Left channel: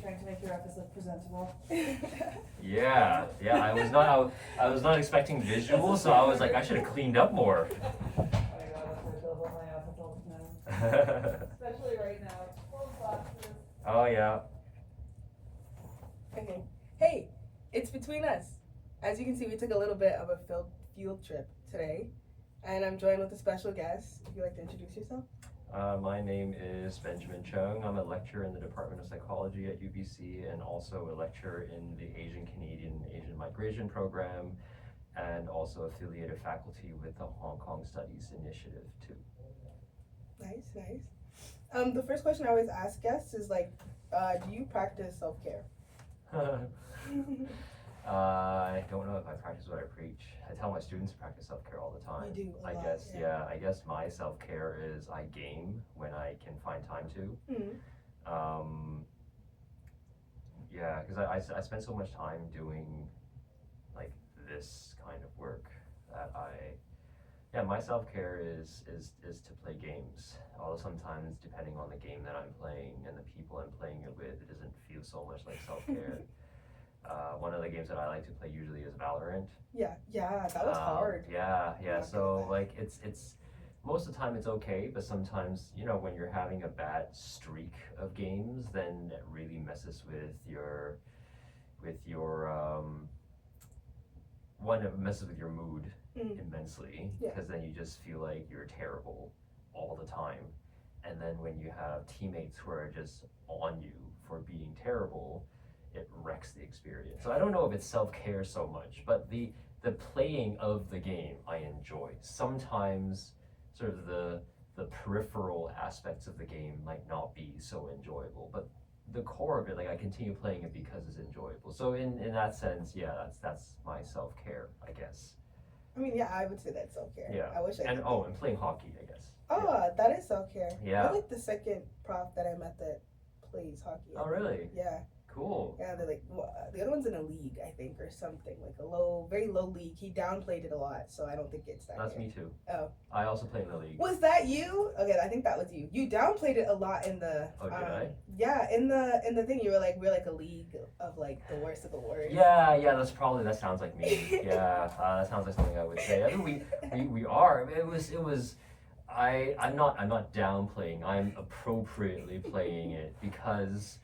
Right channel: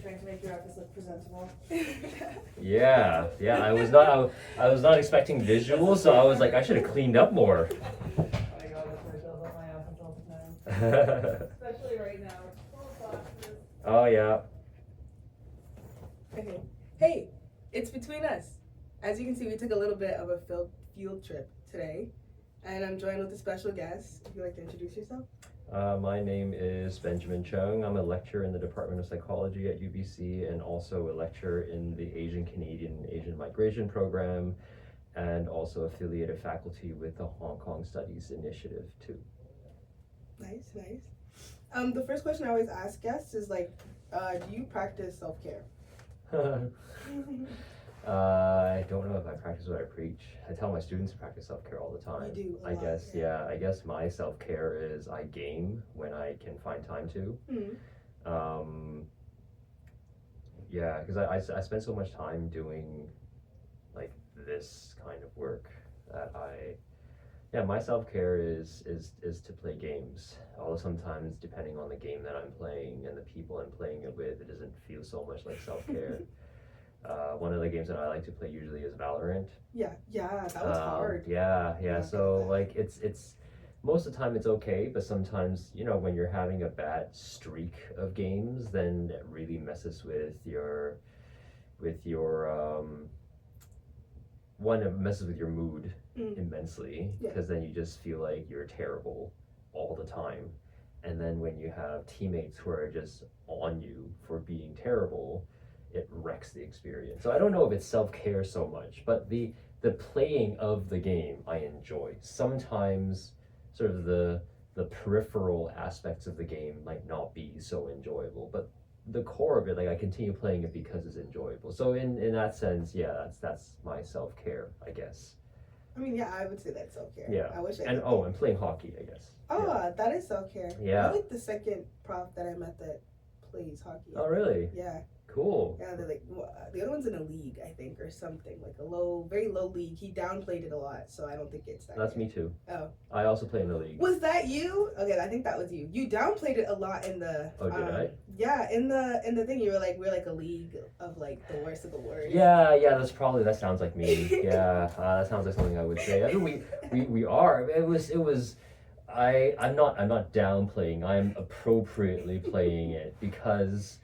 trying to make your episode presentable. Yeah. I was not expecting visuals, so I was like, I should have cleaned up more. I got a photo of my office all the time. Especially right now. It's full of boxes. Oh yeah. Okay. Hey, it's between us. As you can see, we took a little bit of a field trip today, and I'm joined with a special guest. If you'd like to introduce yourself. My name is Benjamin Cheung. I'm a lecturer in the Department of Psychology at UBC and also a lecturer in the Asian Canadian Asian Migration Program and also affiliated faculty with the Hong Kong Studies Initiative too. Nice. The first question I always ask guests is like, do you practice self-care? I don't know if I practice what I preach. I tell my students to practice self-care all the time. You do a lot, guess, yeah. I guess my self-care is I game when I can find time to. Yeah, because I spend so much time doing like this kind of work that my self-care is to play games. Although sometimes depending on the game that I'm playing and the people I'm playing it with, it doesn't feel so much like self-care. One of the games that I like to play usually is Valorant. Yeah, that was hard. Yeah. So like it's most of the time it's okay, but sometimes when you're having a bad streak of games, then it really messes with your one, it messes with your mood immensely, because then you just feel like you're terrible all the time, and then when you have teammates who are just on you for being terrible, it wrecks the experience. So I don't know if it's self-care so much, but the playing of the game I enjoy. Sometimes sort of the peripheral aspects of the game might not be so enjoyable, but the core of it, like I continue playing it because it's enjoyable. So in that sense, yeah, that's my self-care, I guess. I mean, yeah, I would say that's self-care. Yeah. I wish I and and playing hockey, I guess. Oh, yeah. That is self-care. Yeah. I like the second prof that I met that plays hockey. Oh, really? Yeah. Cool. Yeah, they're like, well, the other one's in a league, I think, or something, like a very low league. He downplayed it a lot, so I don't think it's that. That's good. me too. Oh. I also play in the league. Was that you? Okay, I think that was you. You downplayed it a lot in the. Oh, did I? Yeah, in the thing, you were like, we're like a league of like the worst of the worst. Yeah, that sounds like me. Yeah, that sounds like something I would say. I think we are. It was. I'm not downplaying. I'm appropriately playing it because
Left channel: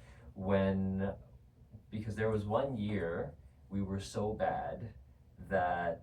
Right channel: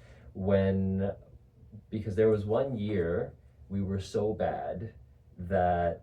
there was one year we were so bad that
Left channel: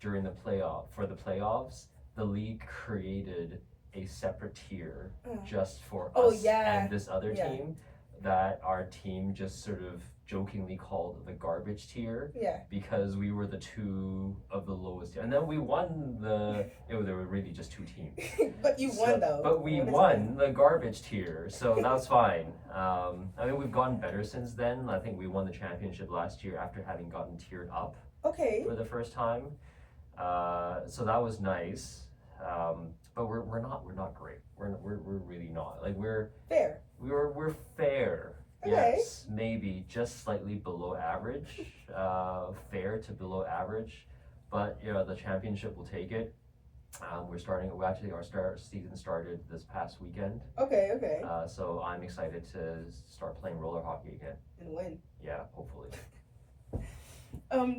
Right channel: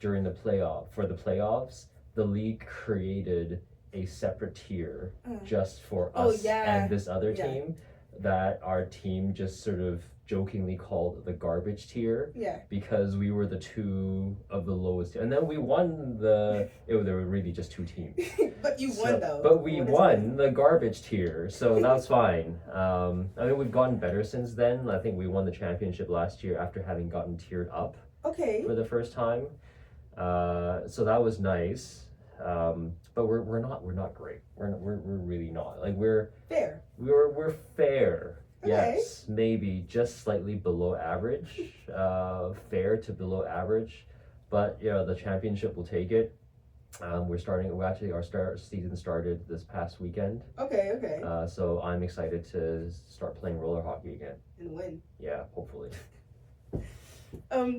during the playoffs, the league created a separate tier just for us and this other team that our team just sort of jokingly called the garbage tier, because we were the two of the lowest, and then we won there were really just two teams. But you won though. But we won the garbage tier, so that was fine. I mean, we've gotten better since then. I think we won the championship last year after having gotten tiered up for the first time. So that was nice. But we're not great. We're really not. Like we're fair. We're fair. Okay. Yes, maybe just slightly below average, fair to below average, but the championship will take it. Our season started this past weekend. Okay. So I'm excited to start playing roller hockey again. And win. Yeah, hopefully.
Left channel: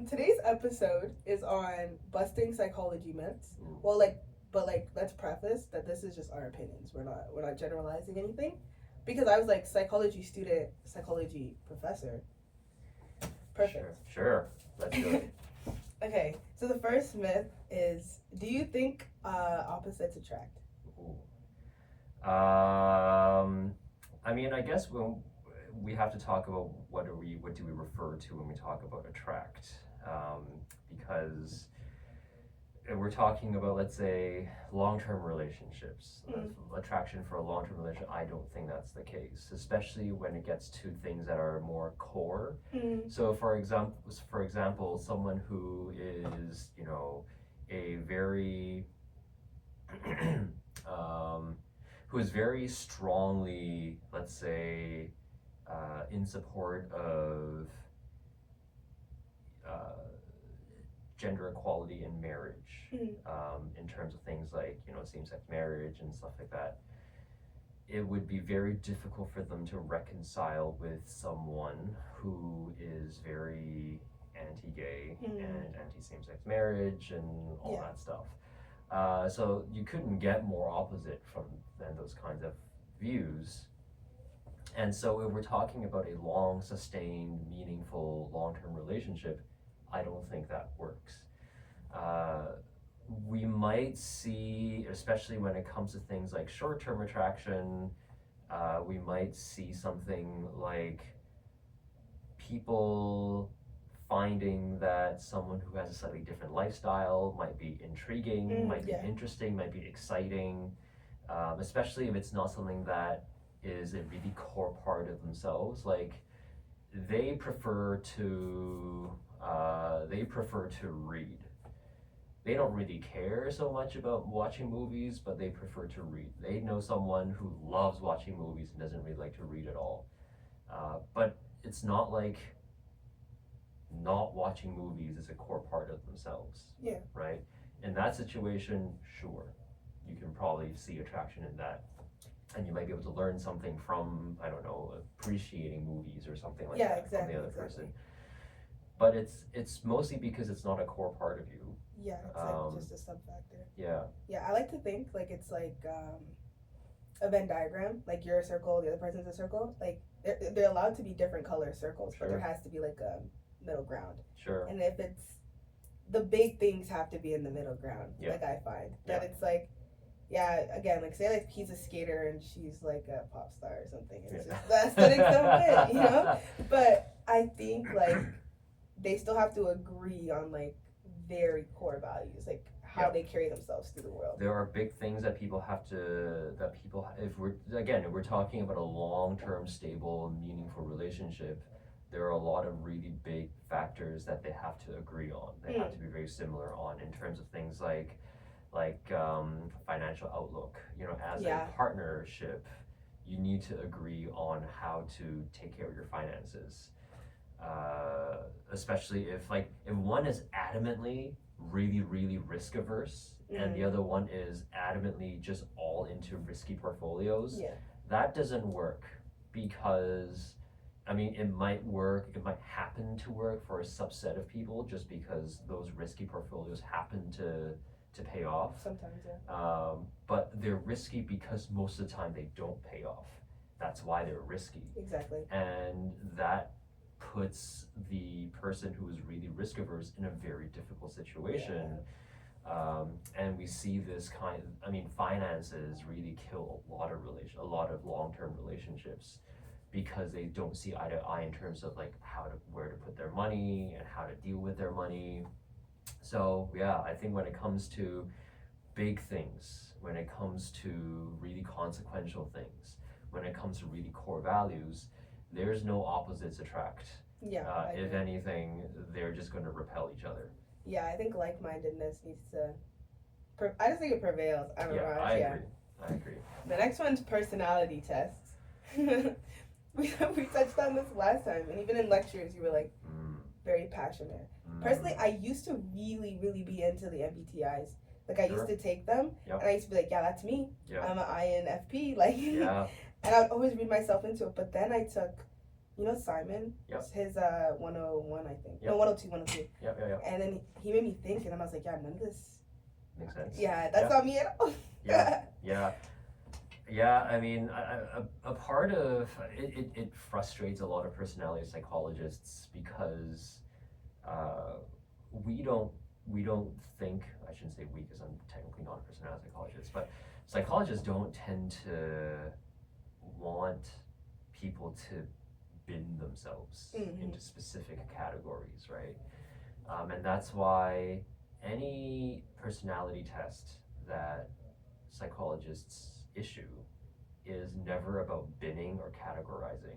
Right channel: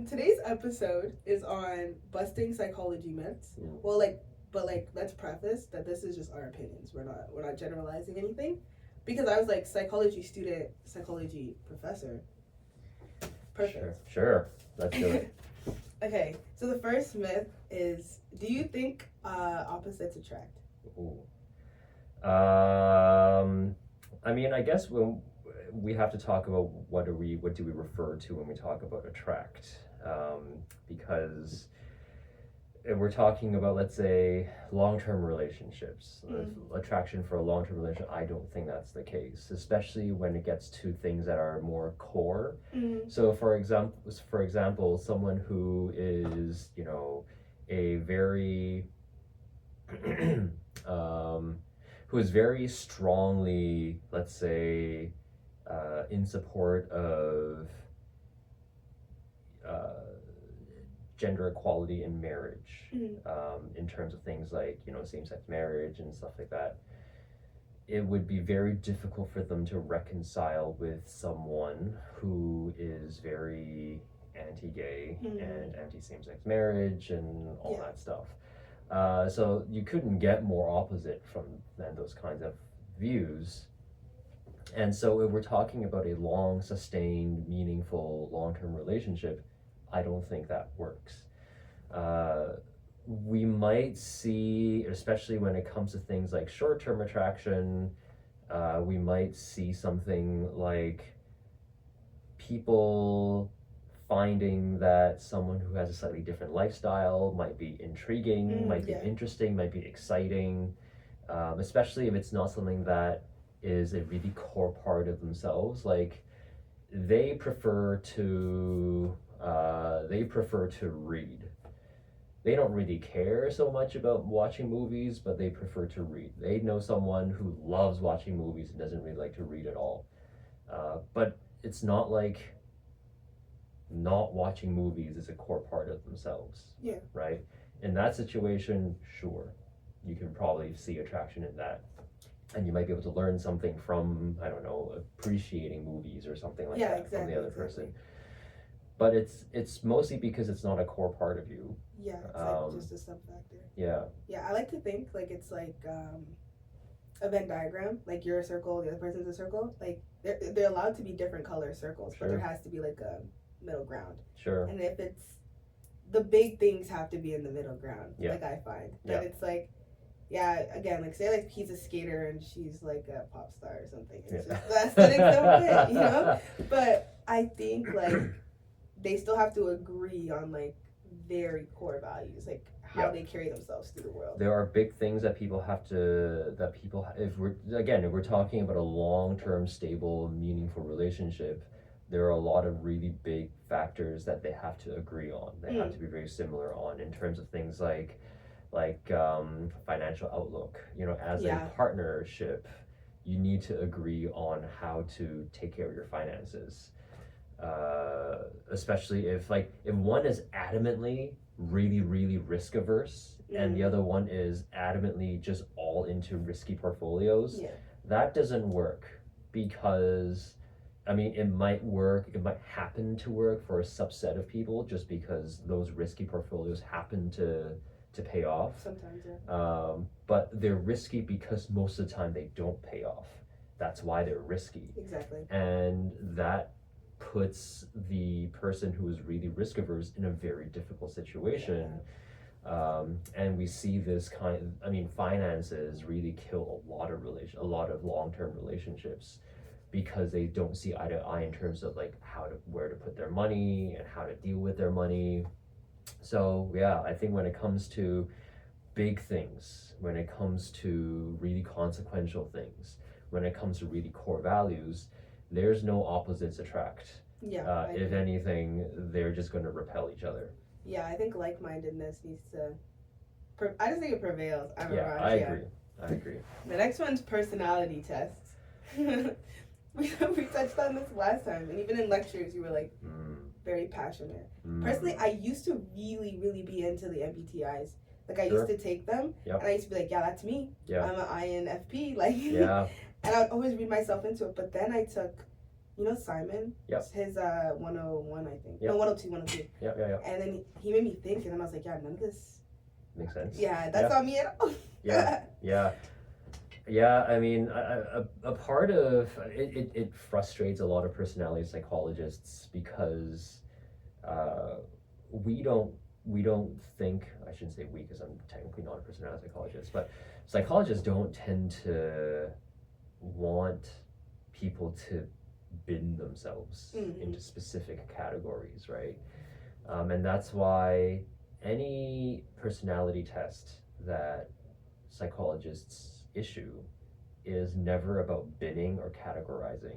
Today's episode is on busting psychology myths. Well, let's preface that this is just our opinions. We're not generalizing anything. Because I was like psychology student, psychology professor. Perfect. Sure. Let's do it. Okay, so the first myth is, do you think opposites attract? Ooh. I mean, I guess we have to talk about what do we refer to when we talk about attract, because if we're talking about, let's say, long-term relationships, attraction for a long-term relationship, I don't think that's the case, especially when it gets to things that are more core. So for example, someone who is, a very who is very strongly, let's say, in support of gender equality in marriage, in terms of things like same-sex marriage and stuff like that. it would be very difficult for them to reconcile with someone who is very anti-gay and anti-same-sex marriage and all that stuff. So you couldn't get more opposite than those kinds of views. And so if we're talking about a long, sustained, meaningful, long-term relationship, I don't think that works. We might see, especially when it comes to things like short-term attraction, we might see something like people finding that someone who has a slightly different lifestyle might be intriguing, might be interesting, might be exciting, especially if it's not something that is a really core part of themselves. Like they prefer to read. They don't really care so much about watching movies, but they prefer to read. They know someone who loves watching movies and doesn't really like to read at all. But it's not like not watching movies is a core part of themselves. Yeah. Right? In that situation, sure, you can probably see attraction in that. And you might be able to learn something from, I don't know, appreciating movies or something like that from the other person. But it's mostly because it's not a core part of you. Yeah, it's like just a sub factor. Yeah. Yeah, I like to think like it's like a Venn diagram. Like you're a circle, the other person's a circle. Like they're allowed to be different color circles, but there has to be like a middle ground. Sure. And if it's the big things have to be in the middle ground. Yeah. Like I find that it's like. Yeah, again, like say like he's a skater and she's like a pop star or something. It's just the aesthetics don't fit, you know? But I think like they still have to agree on like very core values, like how they carry themselves through the world. There are big things that people have to, if we're talking about a long-term, stable, meaningful relationship, there are a lot of really big factors that they have to agree on. They have to be very similar on in terms of things like financial outlook. You know, as a partnership, you need to agree on how to take care of your finances. Especially if one is adamantly really risk averse and the other one is adamantly just all into risky portfolios, that doesn't work, because I mean it might happen to work for a subset of people just because those risky portfolios happen to pay off. Sometimes, but they're risky because most of the time they don't pay off. That's why they're risky. Exactly. And that puts the person who is really risk averse in a very difficult situation. And we see this finances really kill a lot of long-term relationships, because they don't see eye to eye in terms of like where to put their money and how to deal with their money. So yeah, I think when it comes to big things, when it comes to really consequential things, when it comes to really core values, there's no opposites attract. Yeah. If anything, they're just going to repel each other. Yeah, I think like-mindedness needs to. I just think it prevails. I agree. The next one's personality tests. we touched on this last time, and even in lectures, you were like very passionate. Personally, I used to really be into the MBTIs. Like I used to take them, and I used to be like, yeah, that's me. Yeah. I'm an INFP. Like, and I'd always read myself into it. But then I took, Simon. Yep. His 101, I think. Yep. No, 102. Yeah. And then he made me think, and then I was like, yeah, none of this makes sense. Yeah, that's not me at all. Yeah, I mean, a part of it frustrates a lot of personality psychologists because we don't think, I shouldn't say we because I'm technically not a personality psychologist, but psychologists don't tend to want people to bin themselves into specific categories, right? And that's why any personality test that psychologists issue is never about binning or categorizing.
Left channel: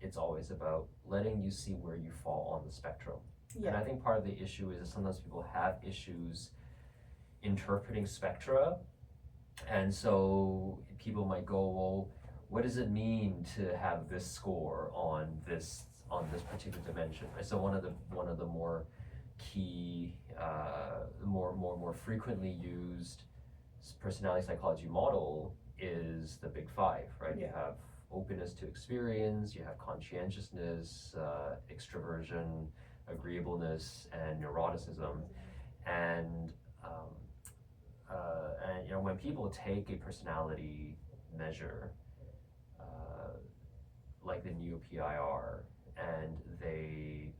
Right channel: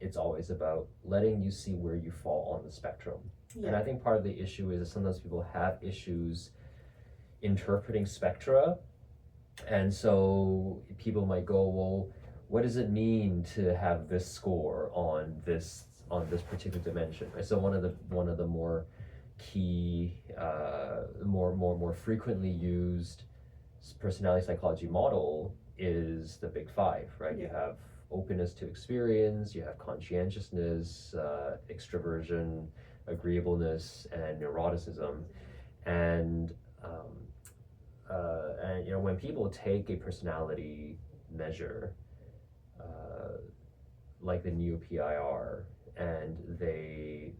It's always about letting you see where you fall on the spectrum. Yeah. And I think part of the issue is that sometimes people have issues interpreting spectra, and so people might go, well, what does it mean to have this score on this particular dimension? Right? So one of the more key, more frequently used personality psychology model is the big five, right? You Yeah. have openness to experience, you have conscientiousness, extroversion, agreeableness, and neuroticism. And you know, when people take a personality measure, like the NEO-PIR, and they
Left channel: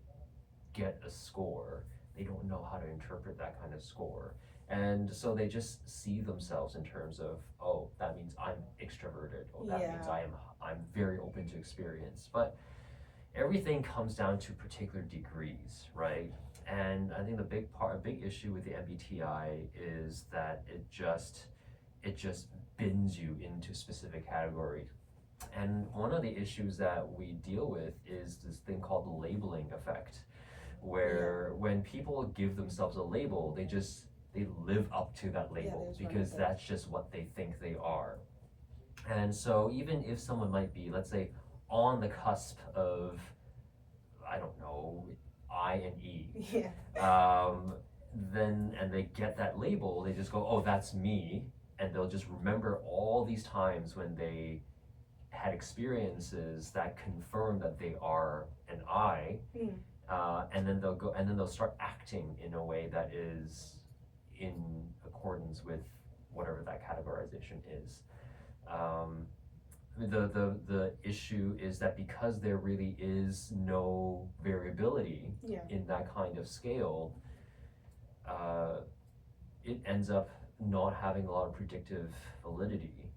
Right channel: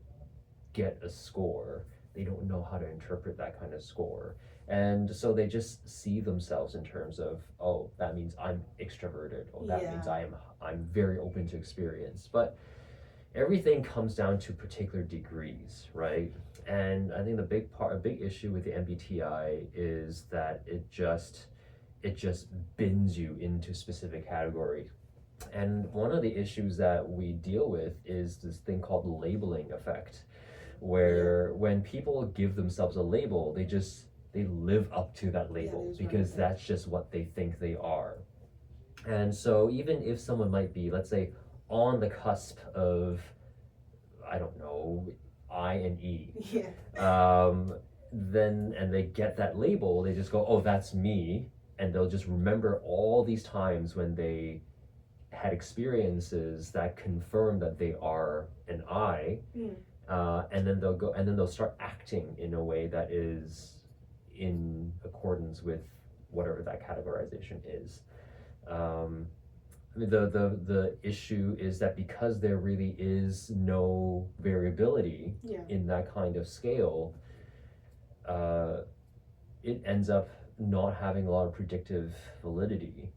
get a score, they don't know how to interpret that kind of score. And so they just see themselves in terms of, oh, that means I'm extroverted, or that means I'm very open to experience. But everything comes down to particular degrees, right? And I think a big issue with the MBTI is that it just bins you into specific categories. And one of the issues that we deal with is this thing called the labeling effect, where when people give themselves a label, they live up to that label because that's just what they think they are. And so even if someone might be, let's say, on the cusp of, I don't know, I and E, then and they get that label, they just go, oh, that's me, and they'll just remember all these times when they had experiences that confirm that they are an I, and then they'll start acting in a way that is in accordance with whatever that categorization is. The issue is that because there really is no variability in that kind of scale, it ends up not having a lot of predictive validity.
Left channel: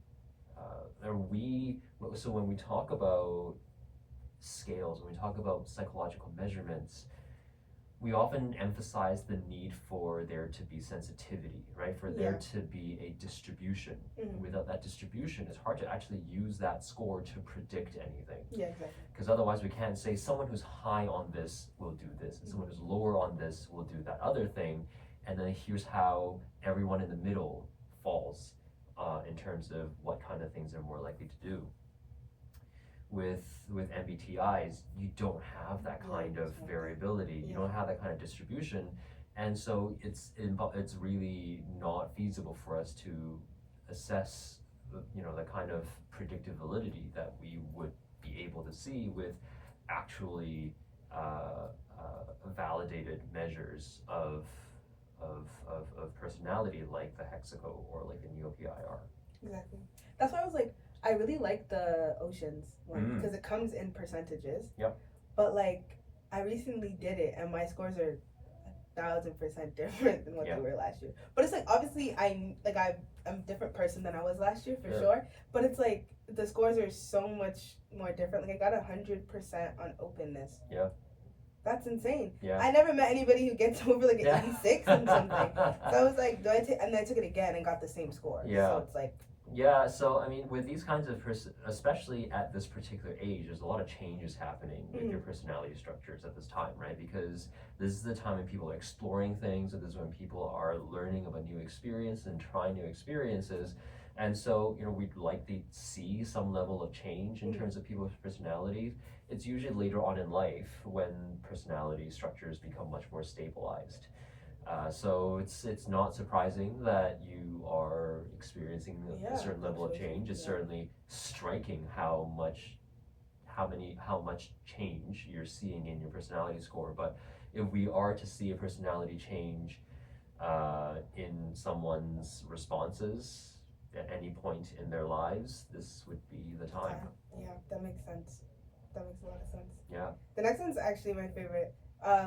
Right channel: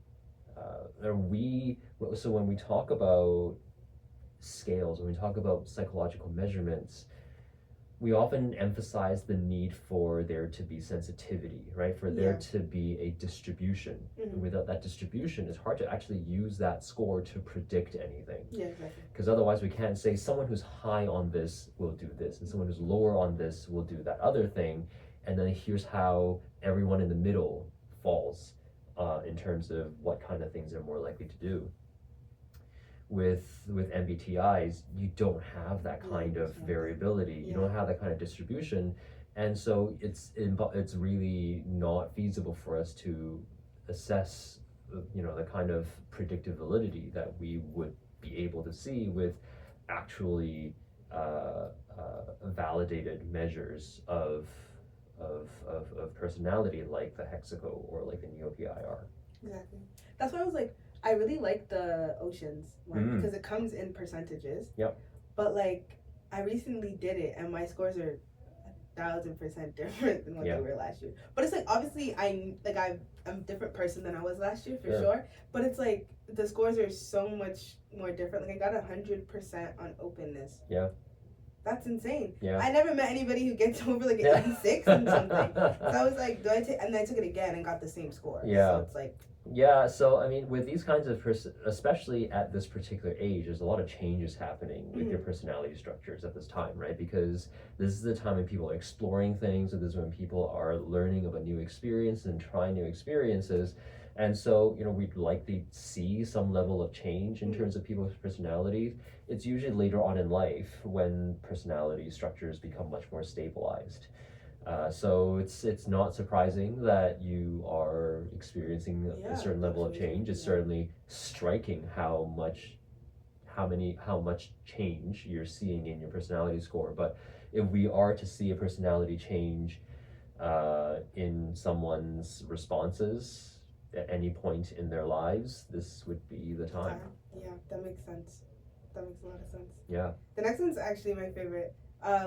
So when we talk about scales, when we talk about psychological measurements, we often emphasize the need for there to be sensitivity, right? For there to be a distribution. Without that distribution, it's hard to actually use that score to predict anything. Yeah, exactly. Because otherwise we can't say someone who's high on this will do this, and someone who's lower on this will do that other thing, and then here's how everyone in the middle falls in terms of what kind of things they're more likely to do. With MBTIs, you don't have that kind of variability. You don't have that kind of distribution, and so it's really not feasible for us to assess, you know, the kind of predictive validity that we would be able to see with actually validated measures of personality, like the Hexaco or like the NEO-PIR. Exactly. That's why I was like, I really like the oceans one because it comes in percentages. Yep. But like, I recently did it and my scores are 1,000% different than what they were last year. But it's like, obviously I'm a different person than I was last year for sure. But it's like the scores are so much more different. Like I got 100% on openness. Yeah. That's insane. Yeah. I never met anybody who gets over like an 86 and something. So I was like, and then I took it again and got the same score. Yeah. So it's like. Yeah, so I mean, with these kinds of especially at this particular age, there's a lot of changes happening with your personality structures at this time, right? Because this is the time when people are exploring things, or this is when people are learning about new experiences and trying new experiences. And so, you know, we'd like to see some level of change in terms of people's personalities. It's usually later on in life when personality structures become much more stabilized. So it's not surprising that you are experiencing a certain level of change. It's certainly striking how much change you're seeing in your personality score. But if we are to see a personality change in someone's responses at any point in their lives, this would be the time. Yeah, that makes sense. That makes a lot of sense. Yeah. The next one's actually my favorite.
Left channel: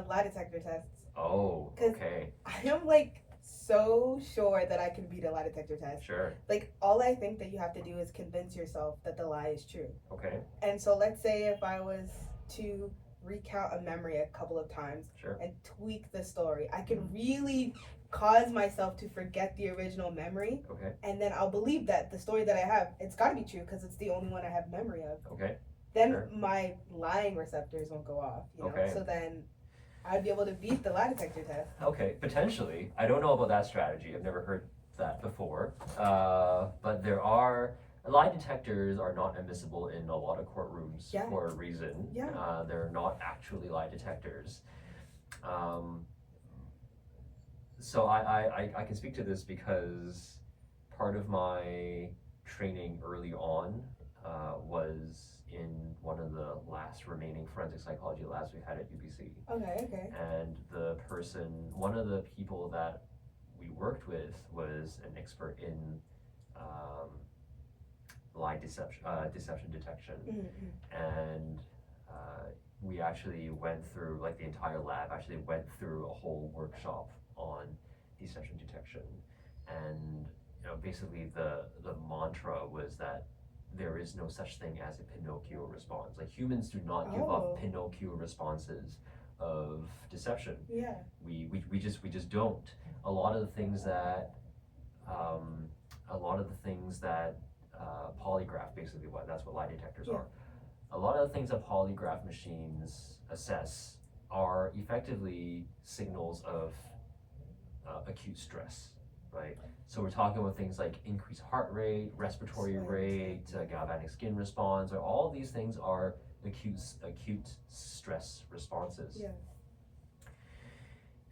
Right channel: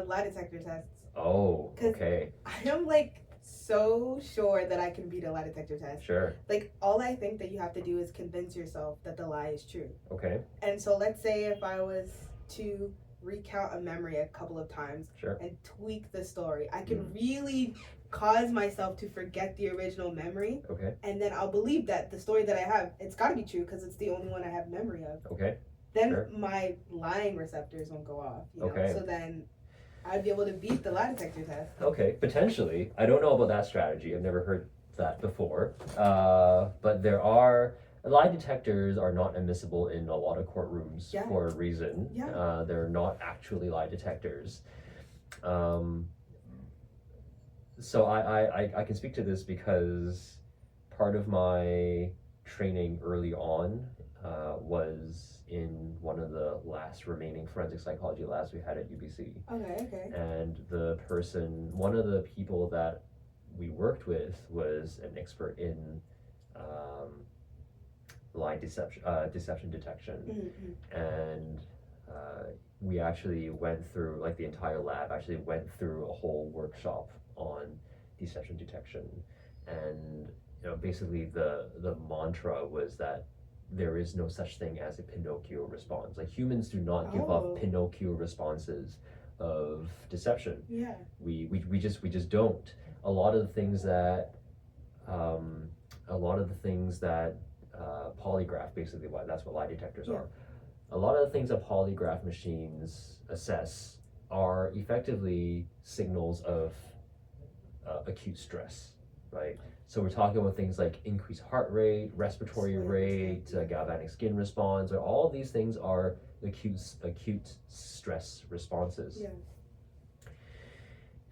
Lie detector tests. Oh, okay. I am like so sure that I can beat a lie detector test. Sure. Like all I think that you have to do is convince yourself that the lie is true. Okay. And so let's say if I was to recount a memory a couple of times and tweak the story, I can really cause myself to forget the original memory. Okay. And then I'll believe that the story that I have, it's got to be true because it's the only one I have memory of. Okay. Then my lying receptors won't go off. You know? So then I'd be able to beat the lie detector test. Okay, potentially. I don't know about that strategy. I've never heard that before. But lie detectors are not admissible in a lot of courtrooms for a reason. Yeah. They're not actually lie detectors. So I can speak to this because part of my training early on was in one of the last remaining forensic psychology labs we had at UBC. Okay. And one of the people that we worked with was an expert in lie deception detection. And we actually went through, like the entire lab actually went through a whole workshop on deception detection. And basically the mantra was that there is no such thing as a Pinocchio response. Like humans do not give off Pinocchio responses of deception. Yeah. We just don't. A lot of the things that polygraph, basically that's what lie detectors are. A lot of the things that polygraph machines assess are effectively signals of acute stress, right? So we're talking about things like increased heart rate, respiratory rate, galvanic skin response, and all of these things are acute stress responses. Yeah.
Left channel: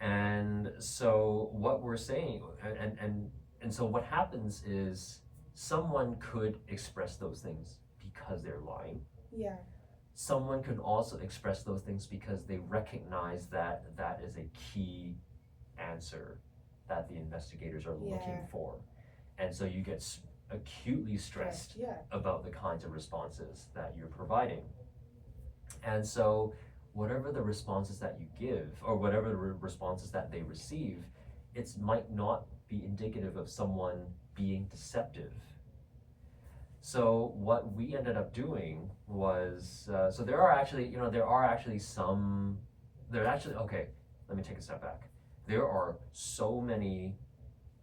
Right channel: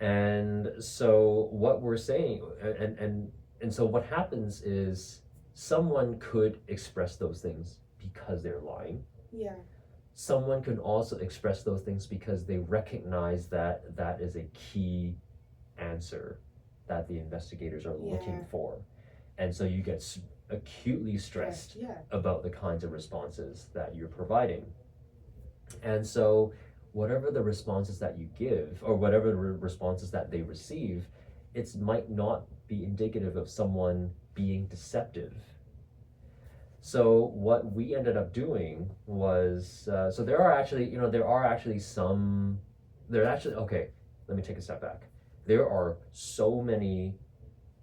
And so what we're saying, and so what happens is someone could express those things because they're lying. Yeah. Someone can also express those things because they recognize that that is a key answer that the investigators are looking for. And so you get acutely stressed about the kinds of responses that you're providing. And so whatever the responses that you give, or whatever the responses that they receive, it might not be indicative of someone being deceptive. So what we ended up doing was, okay, let me take a step back. There are so many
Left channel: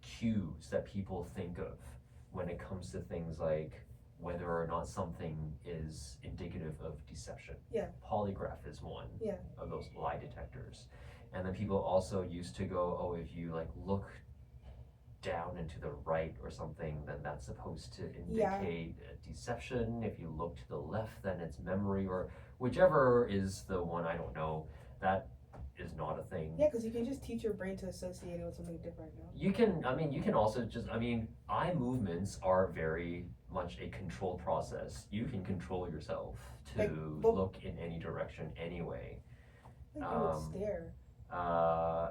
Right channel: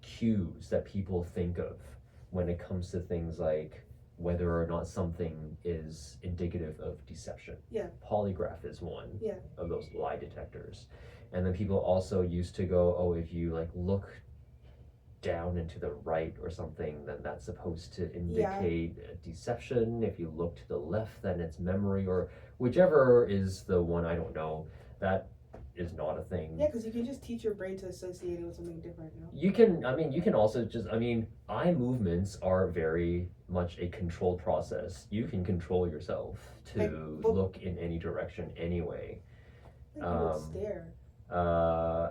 cues that people think of when it comes to things like whether or not something is indicative of deception. Yeah. Polygraph is one of those lie detectors. And then people also used to go, oh, if you like look down and to the right or something, then that's supposed to indicate deception. If you look to the left, then it's memory, or whichever is the one, I don't know. That is not a thing. Yeah, because you can just teach your brain to associate it with something different, no? You can also just, eye movements are very much a controlled process. You can control yourself to look in any direction anyway. Like you would stare.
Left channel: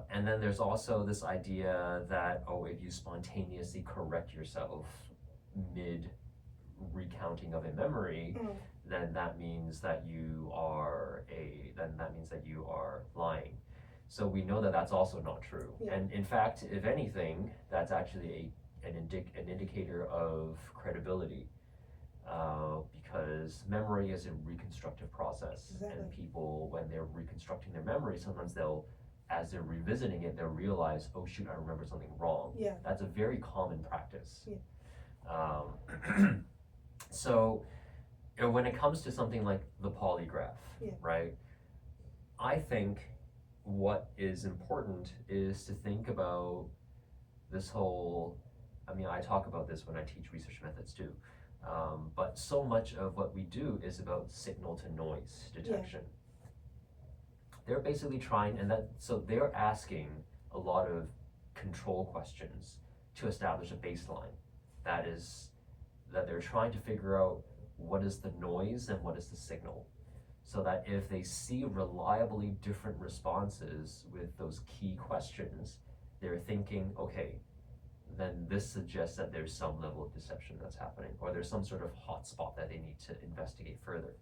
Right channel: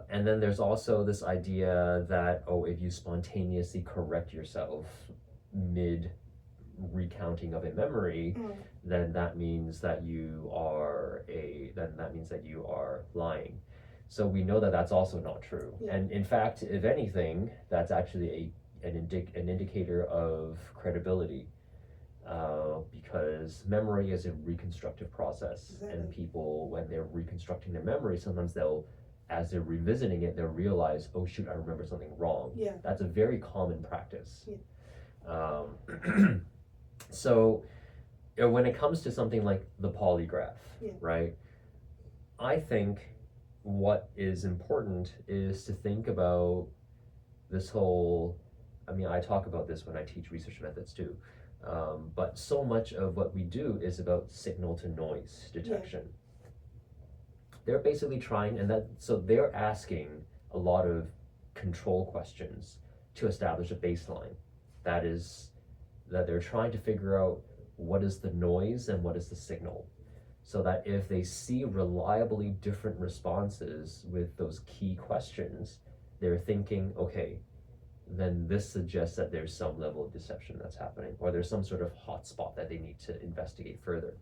And then there's also this idea that, if you spontaneously correct yourself mid recounting of a memory, then that means that you are lying. So we know that that's also not true. And in fact, if anything, that's actually an indicator of credibility, because memory is a reconstructive process. And people, when they're reconstructing their memory, sometimes as they're revisiting it, they'll realize, oh shoot, I remember something wrong. That's a very common practice. So when it comes to something like the polygraph, right, I think what is important is to think about this whole, I talk about this when I teach research methods too, but so much of what we do is about signal to noise detection. They're basically they're asking a lot of control questions to establish a baseline. That is, that they're trying to figure out what is the noise and what is the signal, so that if they see reliably different responses with those key questions, they're thinking, okay, then this suggests that there's some level of deception that's happening, or there's some sort of hotspot that they need to investigate further.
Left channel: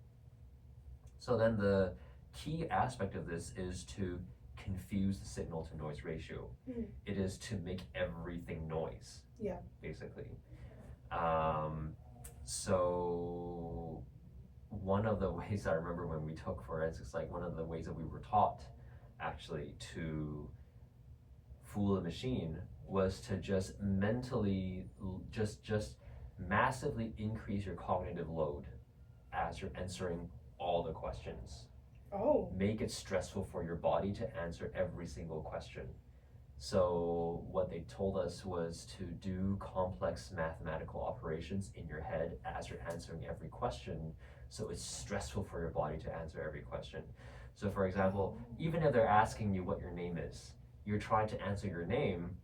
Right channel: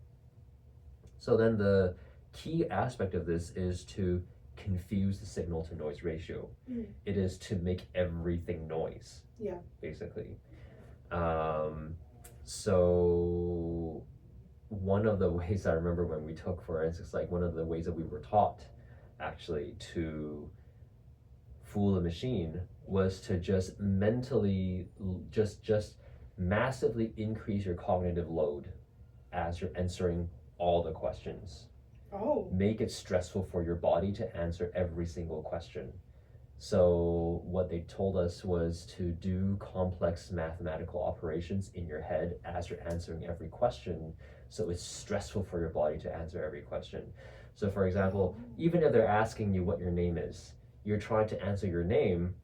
So then the key aspect of this is to confuse the signal to noise ratio. It is to make everything noise, basically. So one of the ways I remember when we took forensics, like one of the ways that we were taught actually to fool a machine was to just mentally just massively increase your cognitive load as you're answering all the questions. Make it stressful for your body to answer every single question. So what they told us was to do complex mathematical operations in your head as you're answering every question, so it's stressful for your body to answer every question. So for example, even if they're asking you what your name is, you're trying to answer your name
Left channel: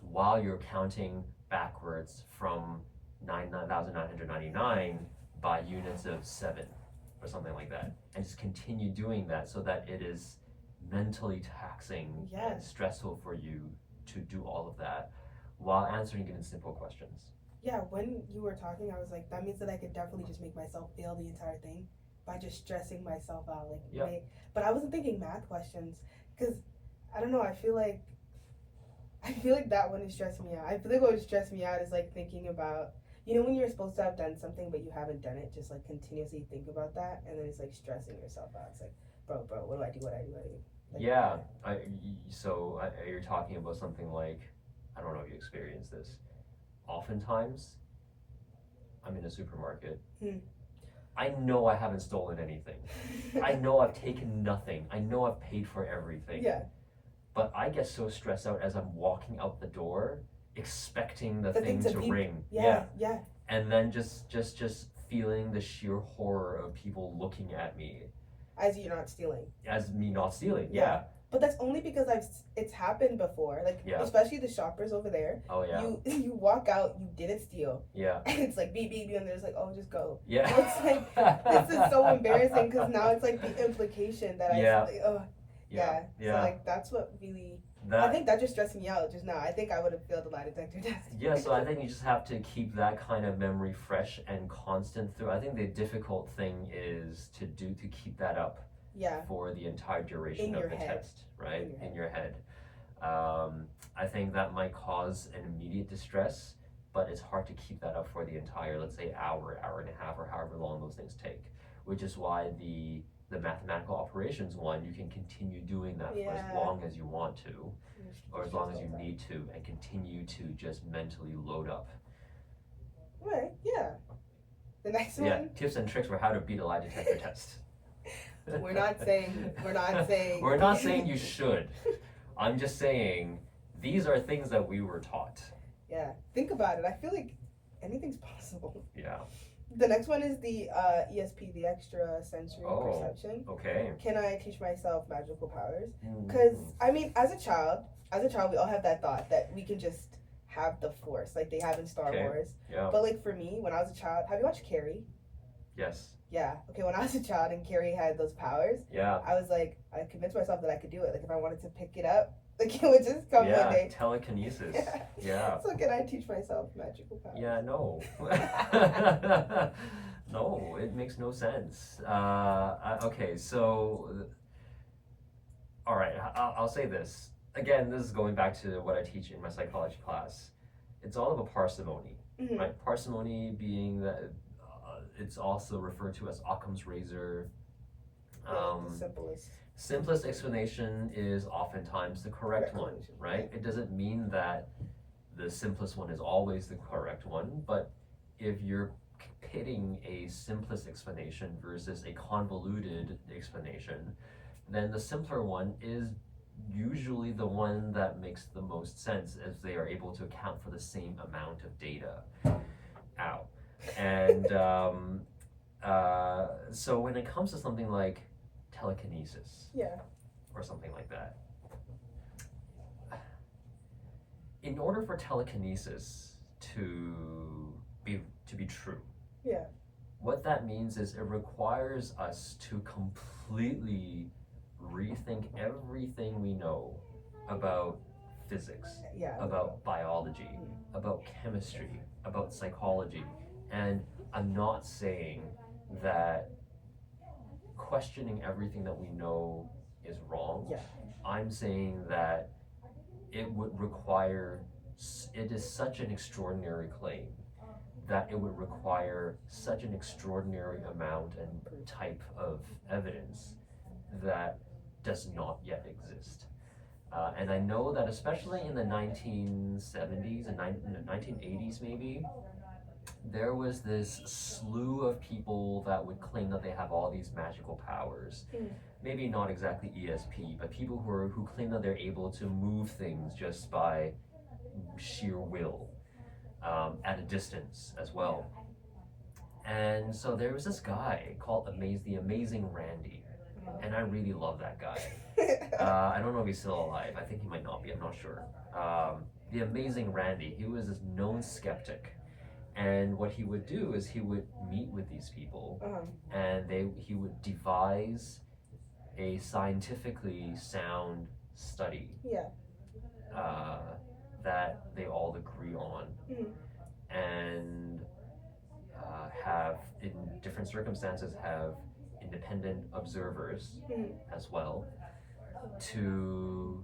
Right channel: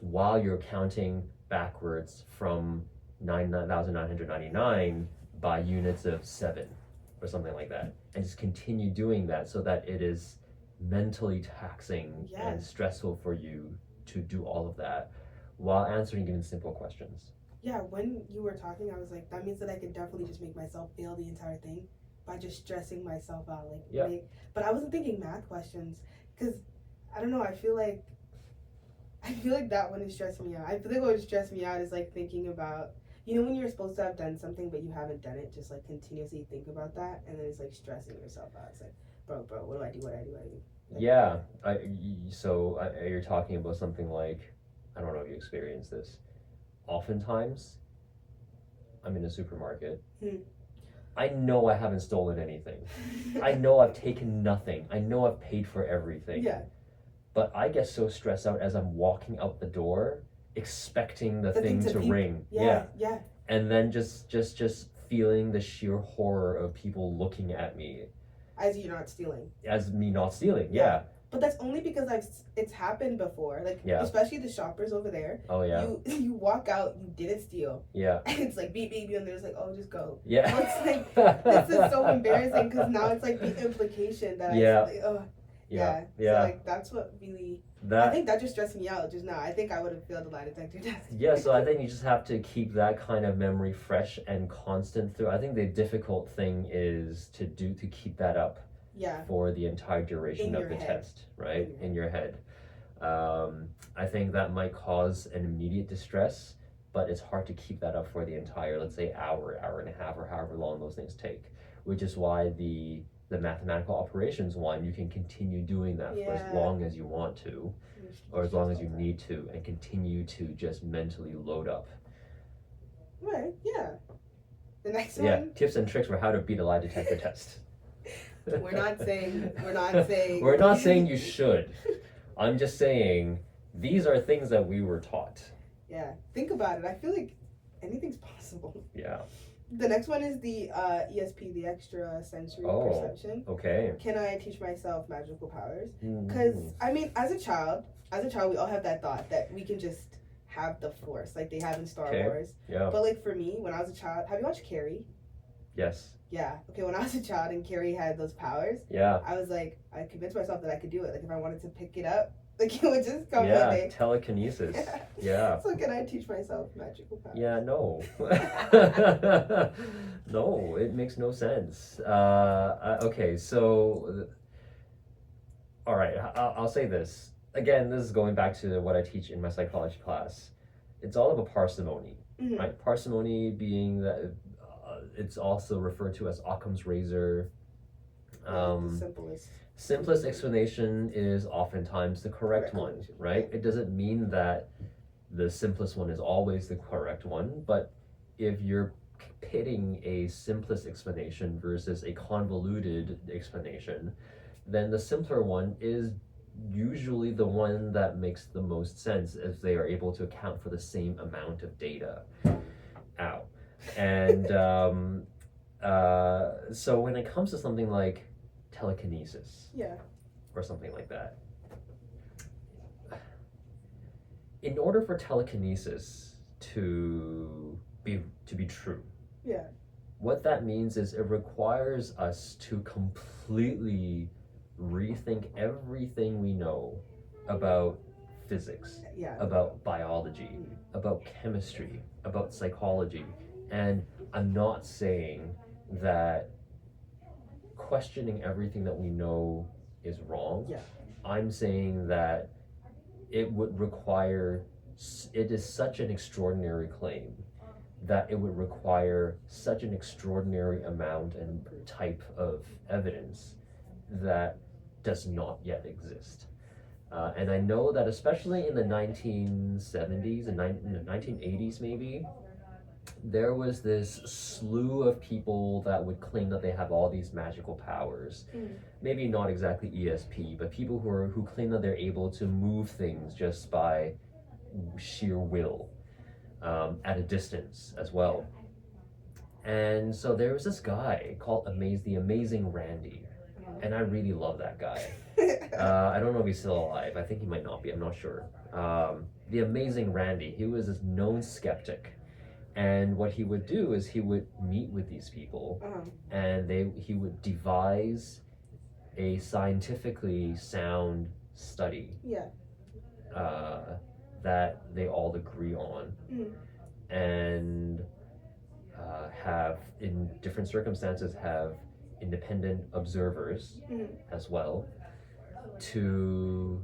while you're counting backwards from 9,999 by units of 7 or something like that, and just continue doing that so that it is mentally taxing and stressful for you to do all of that while answering even simple questions. Yeah, when you were talking, I was like, that means that I could definitely just make myself fail the entire thing by just stressing myself out. But I wasn't thinking math questions because I don't know. I feel like that one is stressing me out. I feel like what would stress me out is like thinking about, when you're supposed to have done something but you haven't done it, just like continuously think about that, and then it's like stressing yourself out. It's like, bro, what do I do? Like, you're talking about something like, I don't know if you experienced this. Oftentimes, I'm in a supermarket. I know I haven't stolen anything. I know I've taken nothing. I know I've paid for everything. Yeah. But I get so stressed out as I'm walking out the door, expecting the thing to ring. Yeah. And then just feeling the sheer horror of people looking at me. As you're not stealing. As me not stealing, yeah. But that's only because it's happened before. Like, especially the shoppers over there. Oh, yeah. You walk out, you didn't steal. Yeah. And it's like, beep, beep, and there's like, oh, just go. Yeah. So it's like, this is so embarrassing because now it's like the implication that Yeah. So like, that's what really, I think that just stressed me out just now. I think I would have failed the lie detector test. Yeah, so I think you just have to keep that kind of memory fresh and constant through. I think the difficult thing is to keep that up. Yeah. For the entire duration of the test, right? In your head. I think that might cause an immediate distress, but it's hard to keep that up for the entire, let's say, hour and a half, or however long those things take. Which is why the mathematical operations one, you can continue doing that for as long as you want to, or as long as you need to, and continue to just mentally load up. Right, yeah. The next one? Yeah, tips and tricks for how to beat a lie detector test. We're not saying We're not saying you should. I'm just saying these are things that we were taught. Yeah, think about it. I feel like anything's possible. Yeah. The next one is the ESP, the extra sensory perception. Okay. Can I teach myself magical powers? Because I mean, as a child, we all have that thought that we can just have the force, like they have in Star Wars. Yeah. But like for me, when I was a child, have you watched Carrie? Yes. Yeah. Okay. When I was a child and Carrie had those powers, I was like, I convinced myself that I could do it. Like if I wanted to pick it up, like it would just come one day. Telekinesis. Yeah. So can I teach myself magical powers? Yeah. No. No, it makes no sense. Okay. So, all right. I'll say this again. This is going back to what I teach in my psychology class. It's all about parsimony, right? Parsimony being that. It's also referred to as Occam's razor. The simplest explanation is oftentimes the correct one, right? It doesn't mean that the simplest one is always the correct one, but if you're pitting a simplest explanation versus a convoluted explanation, then the simpler one is usually the one that makes the most sense, as they are able to account for the same amount of data. And so when it comes to something like telekinesis, or something like that, in order for telekinesis to be true, what that means is it requires us to completely rethink everything we know about physics, about biology, about chemistry, about psychology. And I'm not saying that questioning everything that we know is wrong. I'm saying that it would require, it is such an extraordinary claim that it would require such an extraordinary amount and type of evidence that does not yet exist. And I know that especially in the 1970s and 1980s maybe, there was this slew of people that would claim that they have all these magical powers. Maybe not exactly ESP, but people who claim that they're able to move things just by sheer will, at a distance as well. And so there was this guy called the Amazing Randy, and I really love that guy. I don't know if he's still alive. I think he might not be. I'm not sure. The Amazing Randy. He was this known skeptic And what he would do is he would meet with these people, and he would devise a scientifically sound study that they all agree on, and have, in different circumstances, have independent observers as well to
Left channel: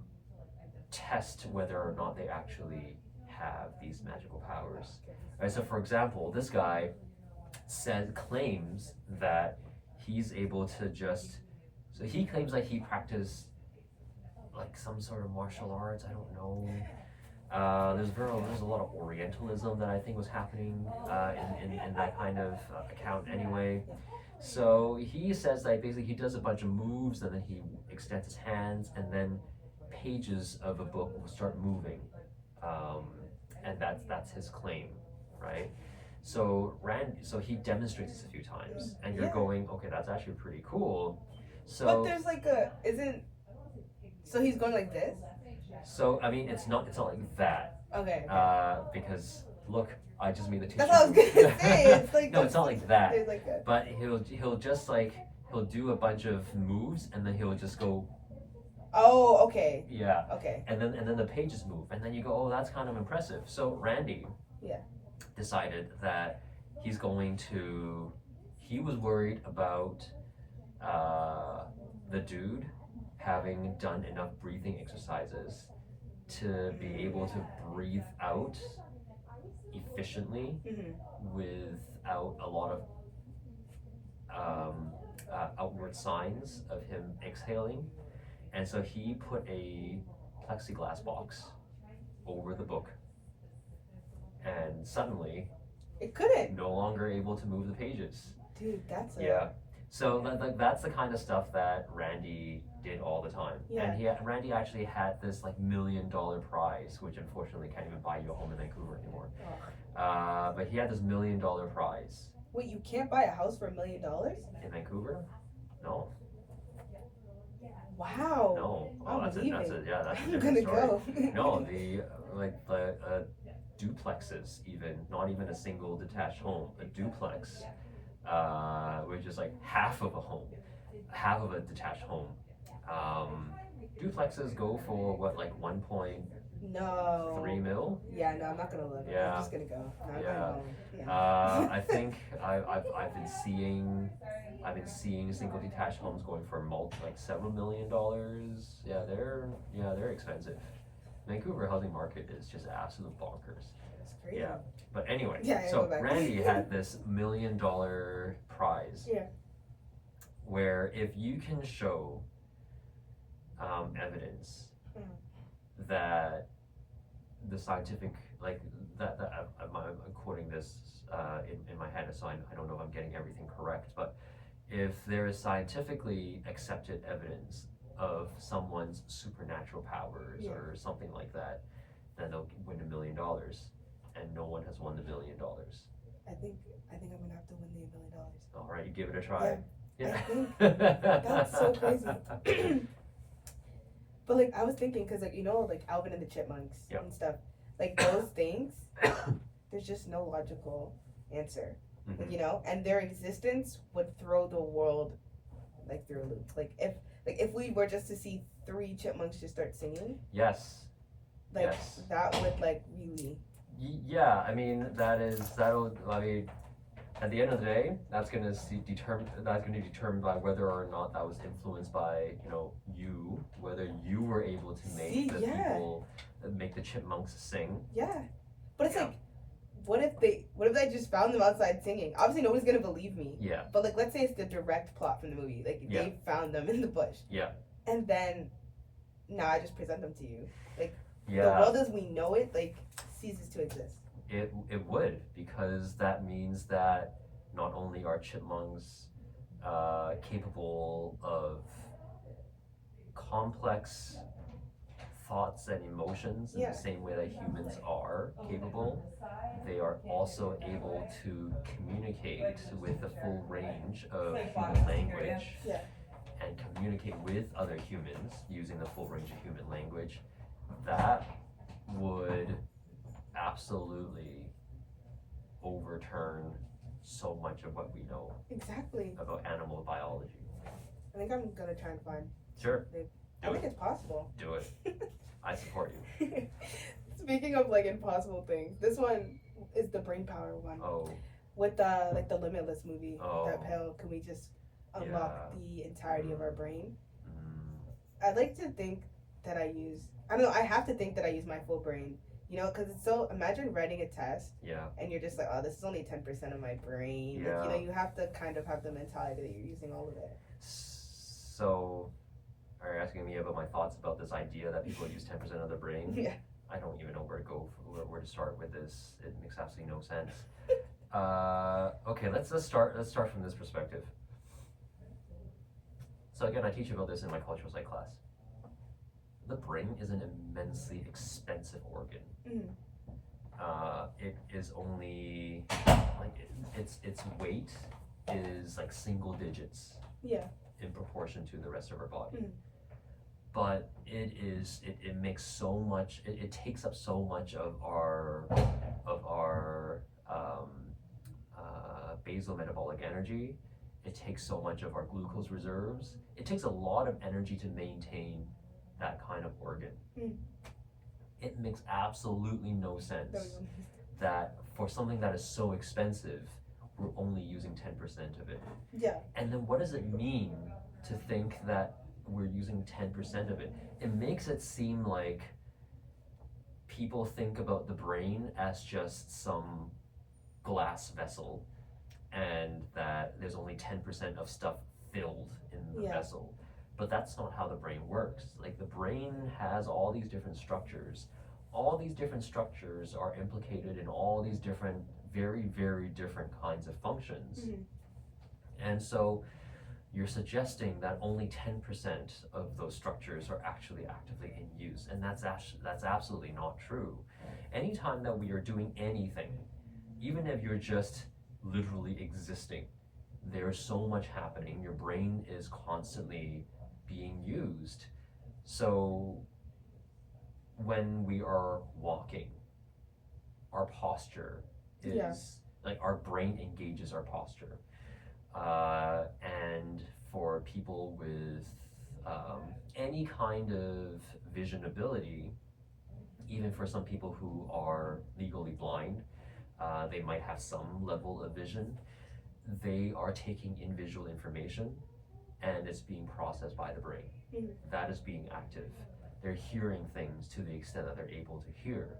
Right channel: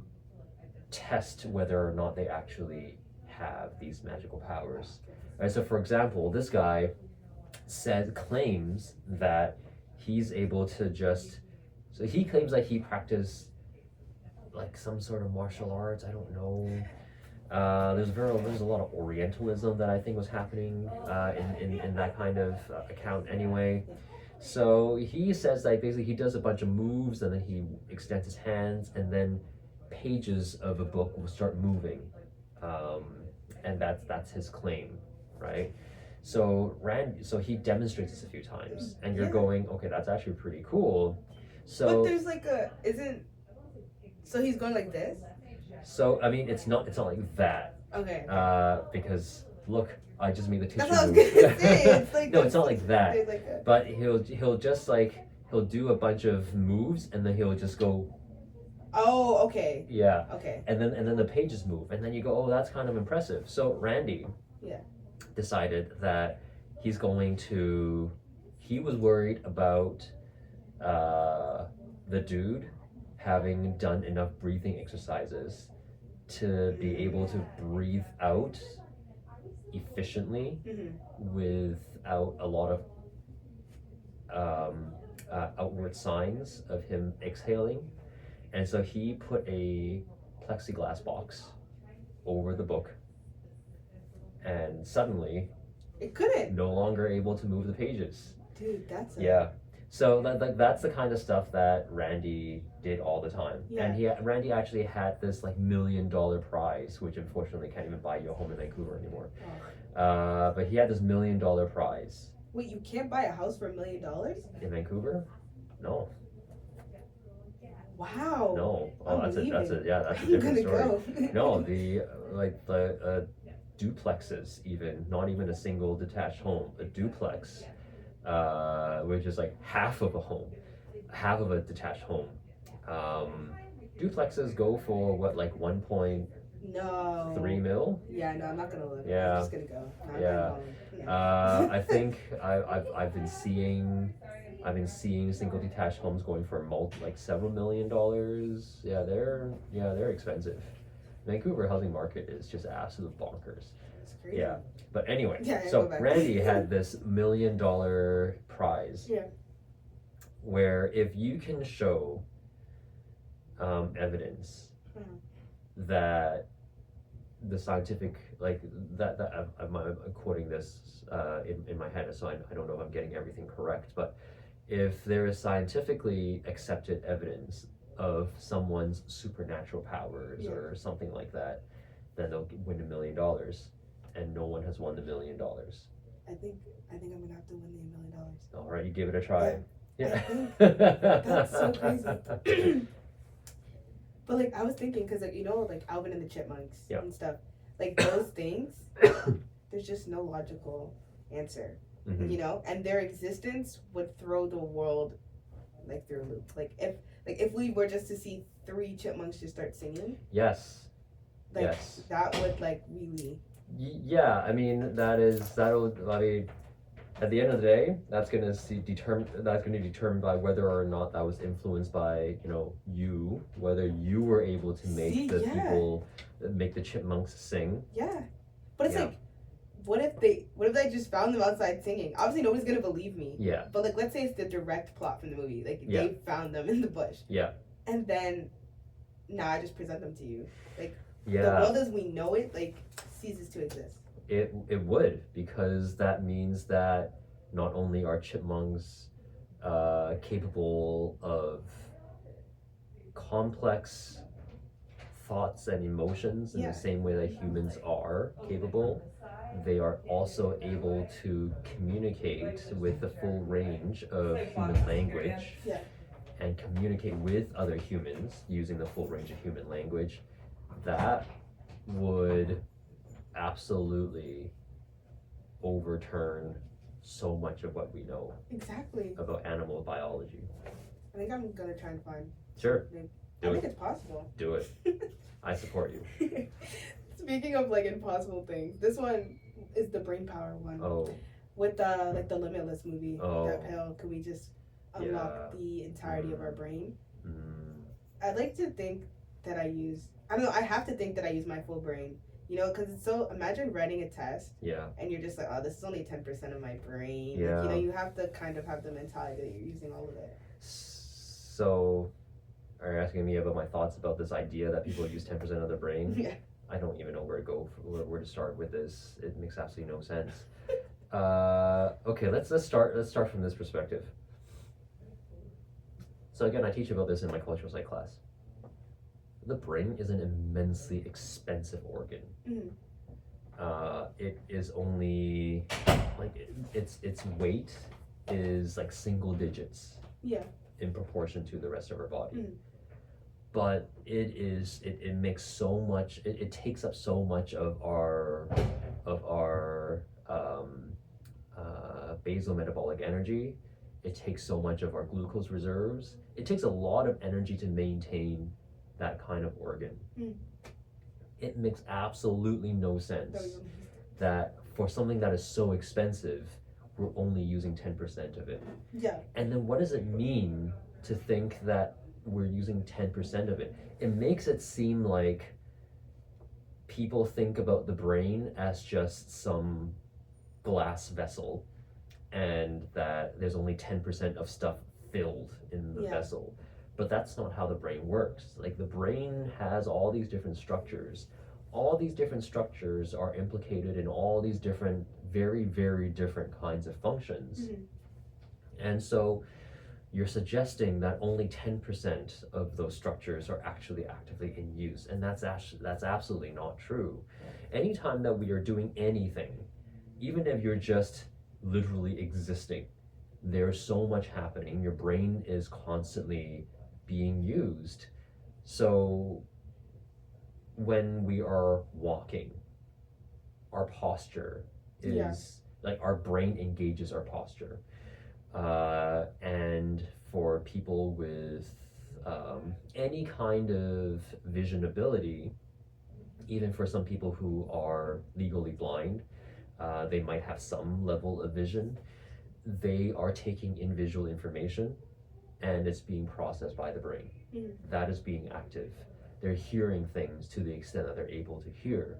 test whether or not they actually have these magical powers. Right, so for example, this guy claims that he's able to he claims that he practiced like some sort of martial arts, I don't know. There's a lot of Orientalism that I think was happening in that kind of account anyway. So he says that basically he does a bunch of moves and then he extends his hands and then pages of a book will start moving, and that's his claim, right? So he demonstrates this a few times, and you're going, okay, that's actually pretty cool. So, but there's like so he's going like this. So I mean, it's not like that. Okay. Because look, I just made the tissue. That's what I was gonna say. It's like no, it's not like that. Like a... But he'll just like he'll do a bunch of moves and then he'll just go. Oh, okay. Yeah. Okay. And then the pages move and then you go, oh, that's kind of impressive. So Randy. Decided that he was worried about the dude having done enough breathing exercises to be able to breathe out efficiently without a lot of outward signs of him exhaling. And so he put a plexiglass box over the book, and suddenly it couldn't. No longer able to move the pages. Dude, that's So that's the kind of stuff that Randy did all the time. And Randy actually had this like $1 million prize, which unfortunately can't even buy you a home in Vancouver anymore. But he had this $1 million prize. Wait, you can't buy a house for $1 million? In Vancouver? No. Wow. No. Oh, that's a different story. Go? No, the duplexes, even not even a single detached home, a duplex, which is like half of a home, half of a detached home. Duplexes go for what, like 1.3 mil? Yeah, no, I'm not gonna look. Yeah. I'm just gonna go. No, I think I've been seeing single detached homes going for like several $1 million. Yeah, they're expensive. Vancouver housing market is just absolute bonkers. That's crazy. Yeah, but anyway, so Randy had this $1 million prize. Yeah. Where if you can show evidence that the scientific, like that I'm quoting this in my head, so I don't know if I'm getting everything correct, but if there is scientifically accepted evidence of someone's supernatural powers or something like that, then they'll win $1 million, and no one has won the $1 million. I think I'm gonna have to win the $1 million. All right, you give it a try. Yeah. That's so crazy. But like I was thinking, because like like Alvin and the Chipmunks and stuff, like those things, there's just no logical answer, and their existence would throw the world like through a loop. Like if we were just to see 3 chipmunks just start singing, that would like really. Yeah, I mean at the end of the day, that's going to be determined by whether or not that was influenced by you, whether you were able to make people make the chipmunks sing. Yeah, but it's like, what if they just found them outside singing? Obviously, nobody's gonna believe me. Yeah. But like, let's say it's the direct plot from the movie. Like they found them in the bush. Yeah. And then, I just present them to you. Like the Yeah. world as we know it, like ceases to exist. It would, because that means that not only are chipmunks capable of complex thoughts and emotions in the same way that humans are capable, they are also able to communicate with the full range of human language and communicate with other humans using the full range of human language. That would absolutely overturn so much of what we know Exactly. about animal biology. I think I'm gonna try and find. Sure. I think it's possible. Do it. I support you. Speaking of like impossible things, this one is the brain power one. Oh. With the like the Limitless movie. Oh. That pill, can we just unlock the entirety of our brain? I'd like to think that I don't know, I have to think that I use my full brain. You know, because it's so, imagine writing a test. Yeah. And you're just like, oh, this is only 10% of my brain. Yeah. Like, you know, you have to kind of have the mentality that you're using all of it. So, are you asking me about my thoughts about this idea that people use 10% of their brain? Yeah. I don't even know where to start with this. It makes absolutely no sense. Okay, let's start from this perspective. So again, I teach about this in my cultural psych class. The brain is an immensely expensive organ. It is only like its weight is like single digits. Yeah. In proportion to the rest of our body. But it makes so much. It takes up so much of our basal metabolic energy. It takes so much of our glucose reserves. It takes a lot of energy to maintain that kind of organ. It makes absolutely no sense that for something that is so expensive, we're only using 10% of it. Yeah. And then what does it mean to think that we're using 10% of it? It makes it seem like people think about the brain as just some glass vessel and that there's only 10% of stuff filled in the vessel. But that's not how the brain works. Like, the brain has all these different structures. All these different structures are implicated in all these different, very, very different kinds of functions. And so you're suggesting that only 10% of those structures are actually actively in use, and that's absolutely not true. Anytime that we are doing anything, even if you're just literally existing, there's so much happening. Your brain is constantly being used. So when we are walking, our posture is like, our brain engages our posture. And for people with any kind of vision ability, even for some people who are legally blind, they might have some level of vision. They are taking in visual information and it's being processed by the brain. That is being active. They're hearing things to the extent that they're able to hear.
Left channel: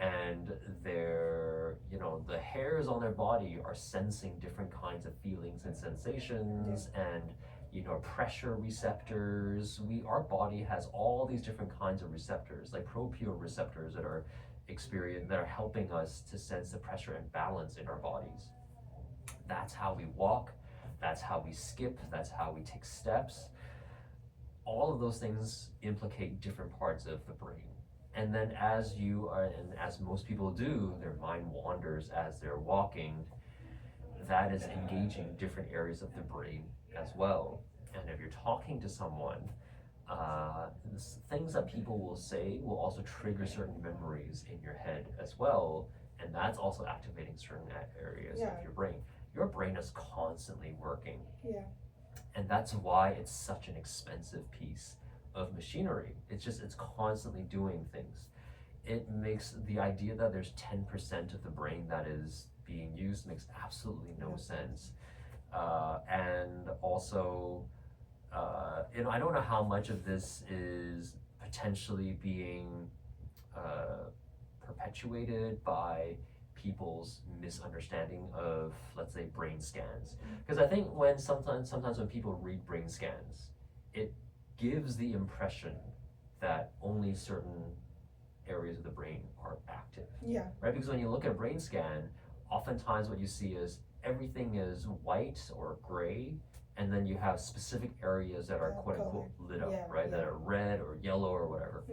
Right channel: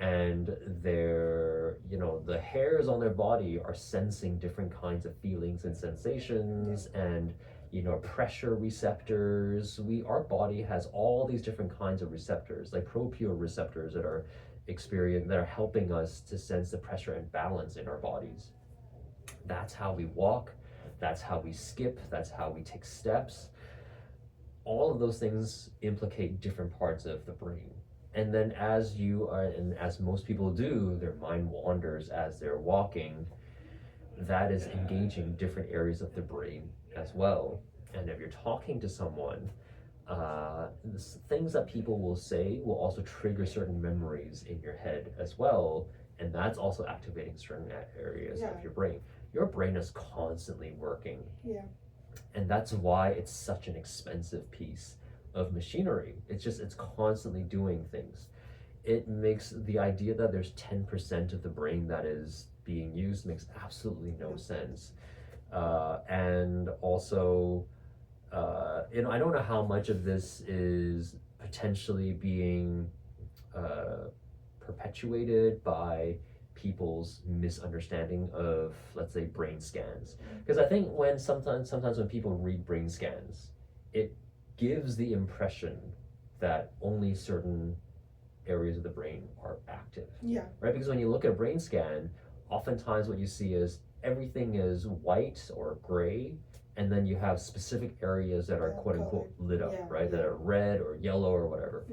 And they're, the hairs on their body are sensing different kinds of feelings and sensations and, pressure receptors. Our body has all these different kinds of receptors, like proprioceptors that are helping us to sense the pressure and balance in our bodies. That's how we walk. That's how we skip. That's how we take steps. All of those things implicate different parts of the brain. And then as most people do, their mind wanders as they're walking. That is engaging different areas of the brain as well. And if you're talking to someone, things that people will say will also trigger certain memories in your head as well. And that's also activating certain areas of your brain. Your brain is constantly working. Yeah. And that's why it's such an expensive piece of machinery. It's constantly doing things. It makes the idea that there's 10% of the brain that is being used makes absolutely no sense. And also, I don't know how much of this is potentially being perpetuated by people's misunderstanding of, let's say, brain scans. Because I think sometimes when people read brain scans, it gives the impression that only certain areas of the brain are active. Yeah. Right? Because when you look at a brain scan, oftentimes what you see is everything is white or gray, and then you have specific areas that are quote unquote lit up, right? That are red or yellow or whatever.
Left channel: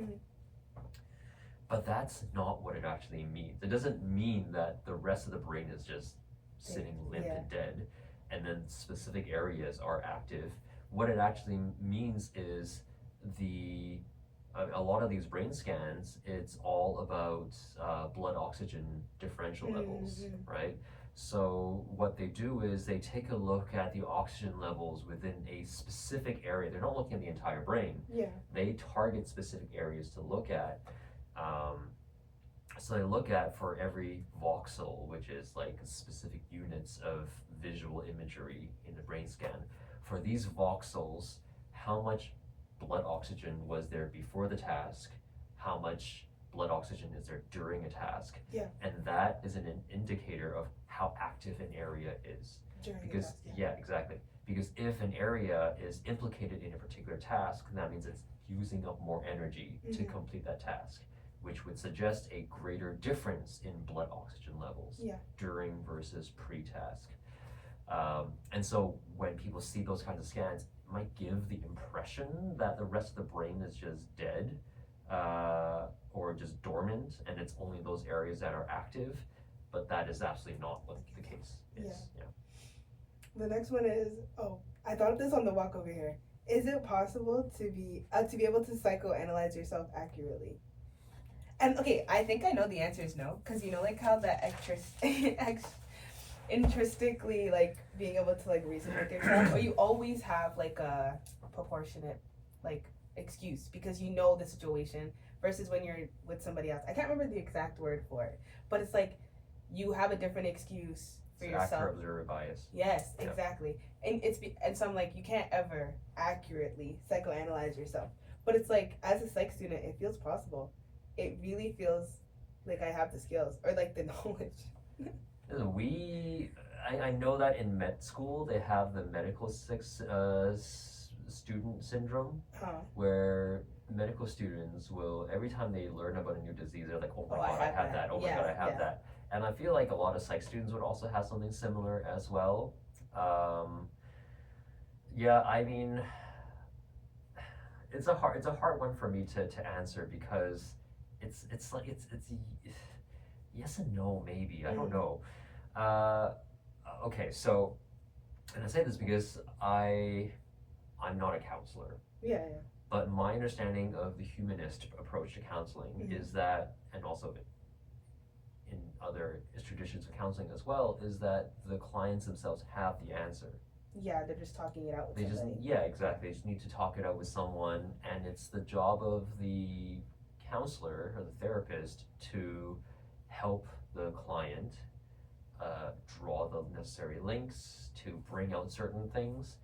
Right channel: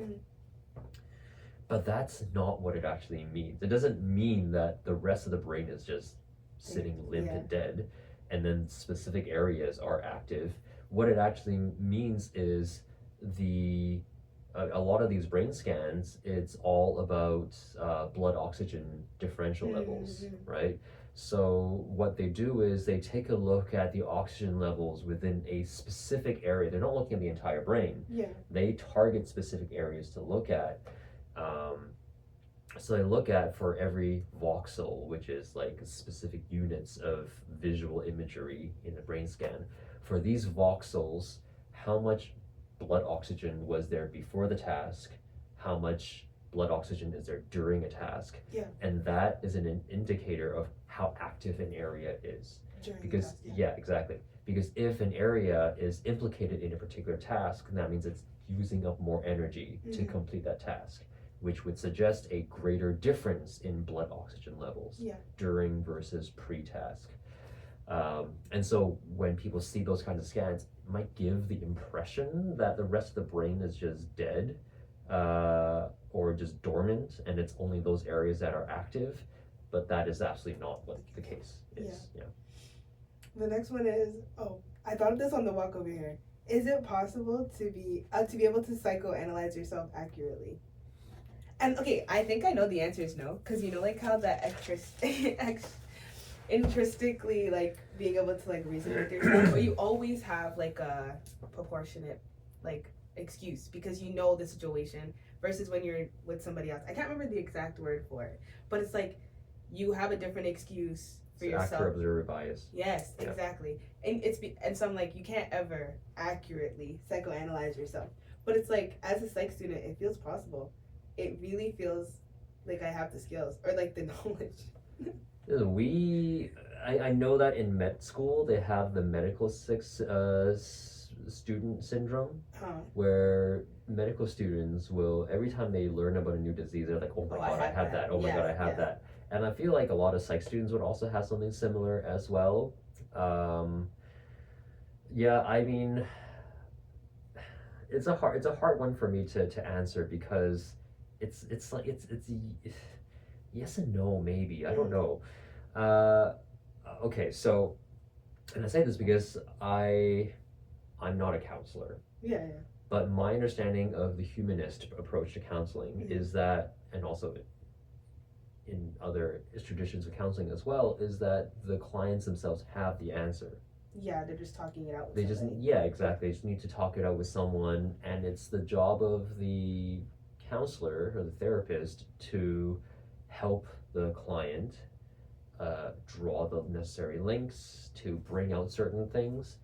But that's not what it actually means. It doesn't mean that the rest of the brain is just sitting limp and dead, and then specific areas are active. What it actually means is the a lot of these brain scans, it's all about blood oxygen differential levels, right? So what they do is they take a look at the oxygen levels within a specific area. They're not looking at the entire brain. Yeah. They target specific areas to look at. So they look at for every voxel, which is like specific units of visual imagery in a brain scan. For these voxels, how much blood oxygen was there before the task, how much blood oxygen is there during a task, and that is an indicator of how active an area is. Because exactly. Because if an area is implicated in a particular task, that means it's using up more energy to complete that task, which would suggest a greater difference in blood oxygen levels during versus pre-task. And so when people see those kinds of scans, it might give the impression that the rest of the brain is just dead or just dormant, and it's only those areas that are active, but that is absolutely not what the case is. The next one is, I thought of this on the walk over here. Is it possible to be able to psychoanalyze yourself accurately? And okay, I think I know the answer is no, because you know, like how that intrinsically, like being able to like reason with yourself, or you always have like a proportionate like excuse because you know the situation versus when you're with somebody else. I can't remember the exact word for it, but it's like you have a different excuse for yourself. Actor observer bias. Yes, exactly. And so I'm like, you can't ever accurately psychoanalyze yourself, but it's like as a psych student, it feels possible. It really feels like I have the skills or like the knowledge. I know that in med school they have the medical student syndrome, where medical students will, every time they learn about a new disease, they're like, oh my god, I have that. Oh my god, I have that. And I feel like a lot of psych students would also have something similar as well. I mean, it's a hard one for me to answer because it's yes and no, maybe. I don't know. Okay, so, and I say this because I'm not a counselor. But my understanding of the humanist approach to counseling is that, and also in other traditions of counseling as well, is that the clients themselves have the answer. Yeah, they're just talking it out with somebody. Exactly. They just need to talk it out with someone, and it's the job of the counselor or the therapist to help the client draw the necessary links, to bring out certain things.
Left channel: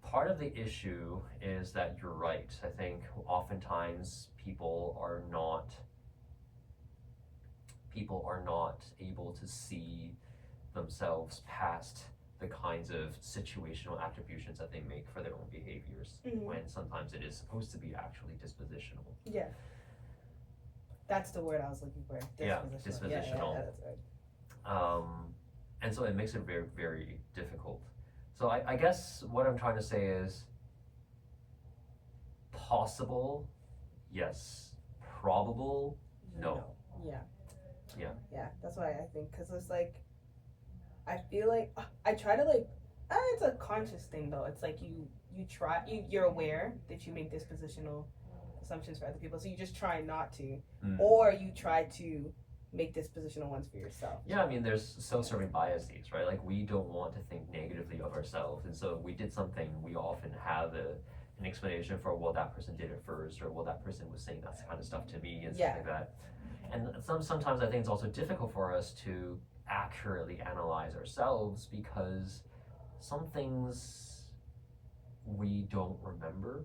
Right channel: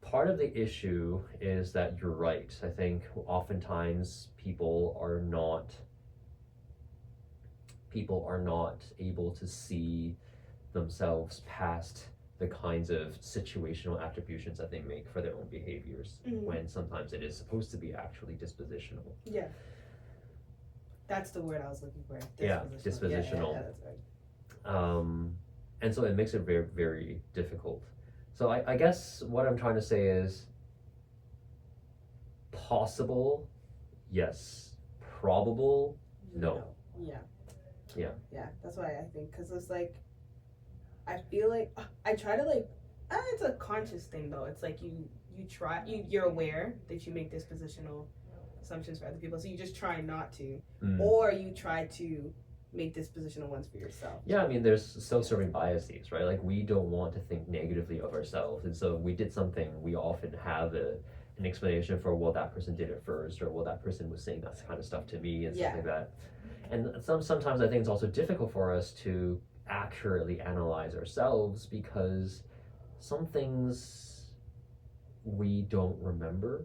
Part of the issue is that you're right. I think oftentimes people are not able to see themselves past the kinds of situational attributions that they make for their own behaviors, when sometimes it is supposed to be actually dispositional. Yeah. That's the word I was looking for. Dispositional. Yeah, that's right. And so it makes it very, very difficult. So I guess what I'm trying to say is possible, yes. Probable, no. Yeah, that's why I think, because it's like, I feel like, I try to like, it's a conscious thing though. It's like you're aware that you make dispositional assumptions for other people, so you just try not to, or you try to make dispositional ones for yourself. Yeah, I mean, there's self-serving biases, right? Like, we don't want to think negatively of ourselves, and so if we did something, we often have an explanation for, well, that person did it first, or well, that person was saying that kind of stuff to me, and stuff like that. And sometimes I think it's also difficult for us to accurately analyze ourselves because some things we don't remember.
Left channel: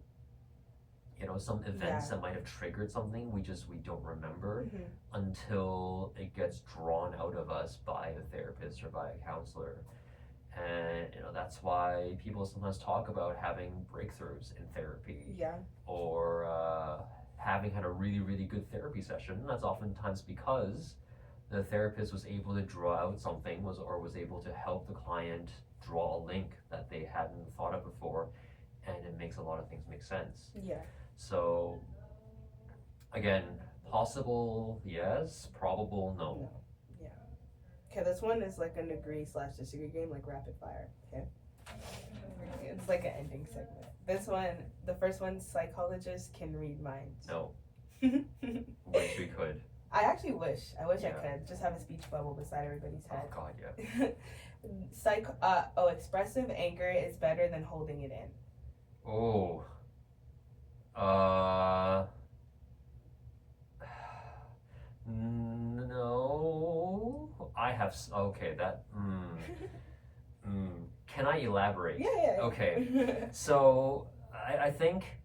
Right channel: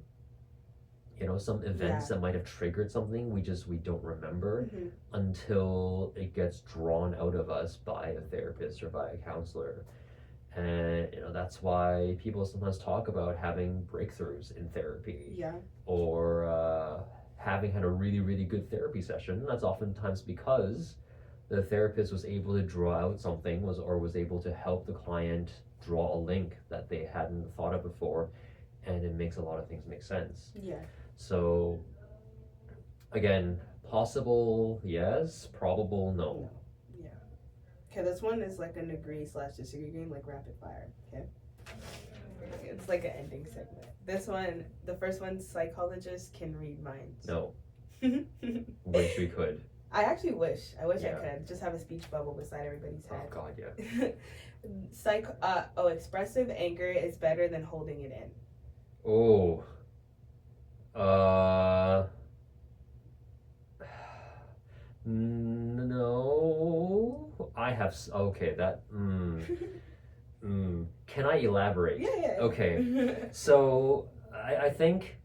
You know, some events that might have triggered something, we don't remember until it gets drawn out of us by a therapist or by a counselor. And, you know, that's why people sometimes talk about having breakthroughs in therapy. Or having had a really, really good therapy session. That's oftentimes because the therapist was able to draw out something, was able to help the client draw a link that they hadn't thought of before, and it makes a lot of things make sense. So, again, possible, yes. Probable, no. Okay, this one is like an agree/disagree game, like rapid fire. Okay, it's like an ending segment. This one, the first one, psychologists can read minds. No. Wish we could. I actually wish. I wish I Yeah. could just have a speech bubble beside everybody's Oh head. God, yeah. Expressive anger is better than holding it in. Oh. No. I have. Okay, that. Can I elaborate? Yeah. Okay. So I think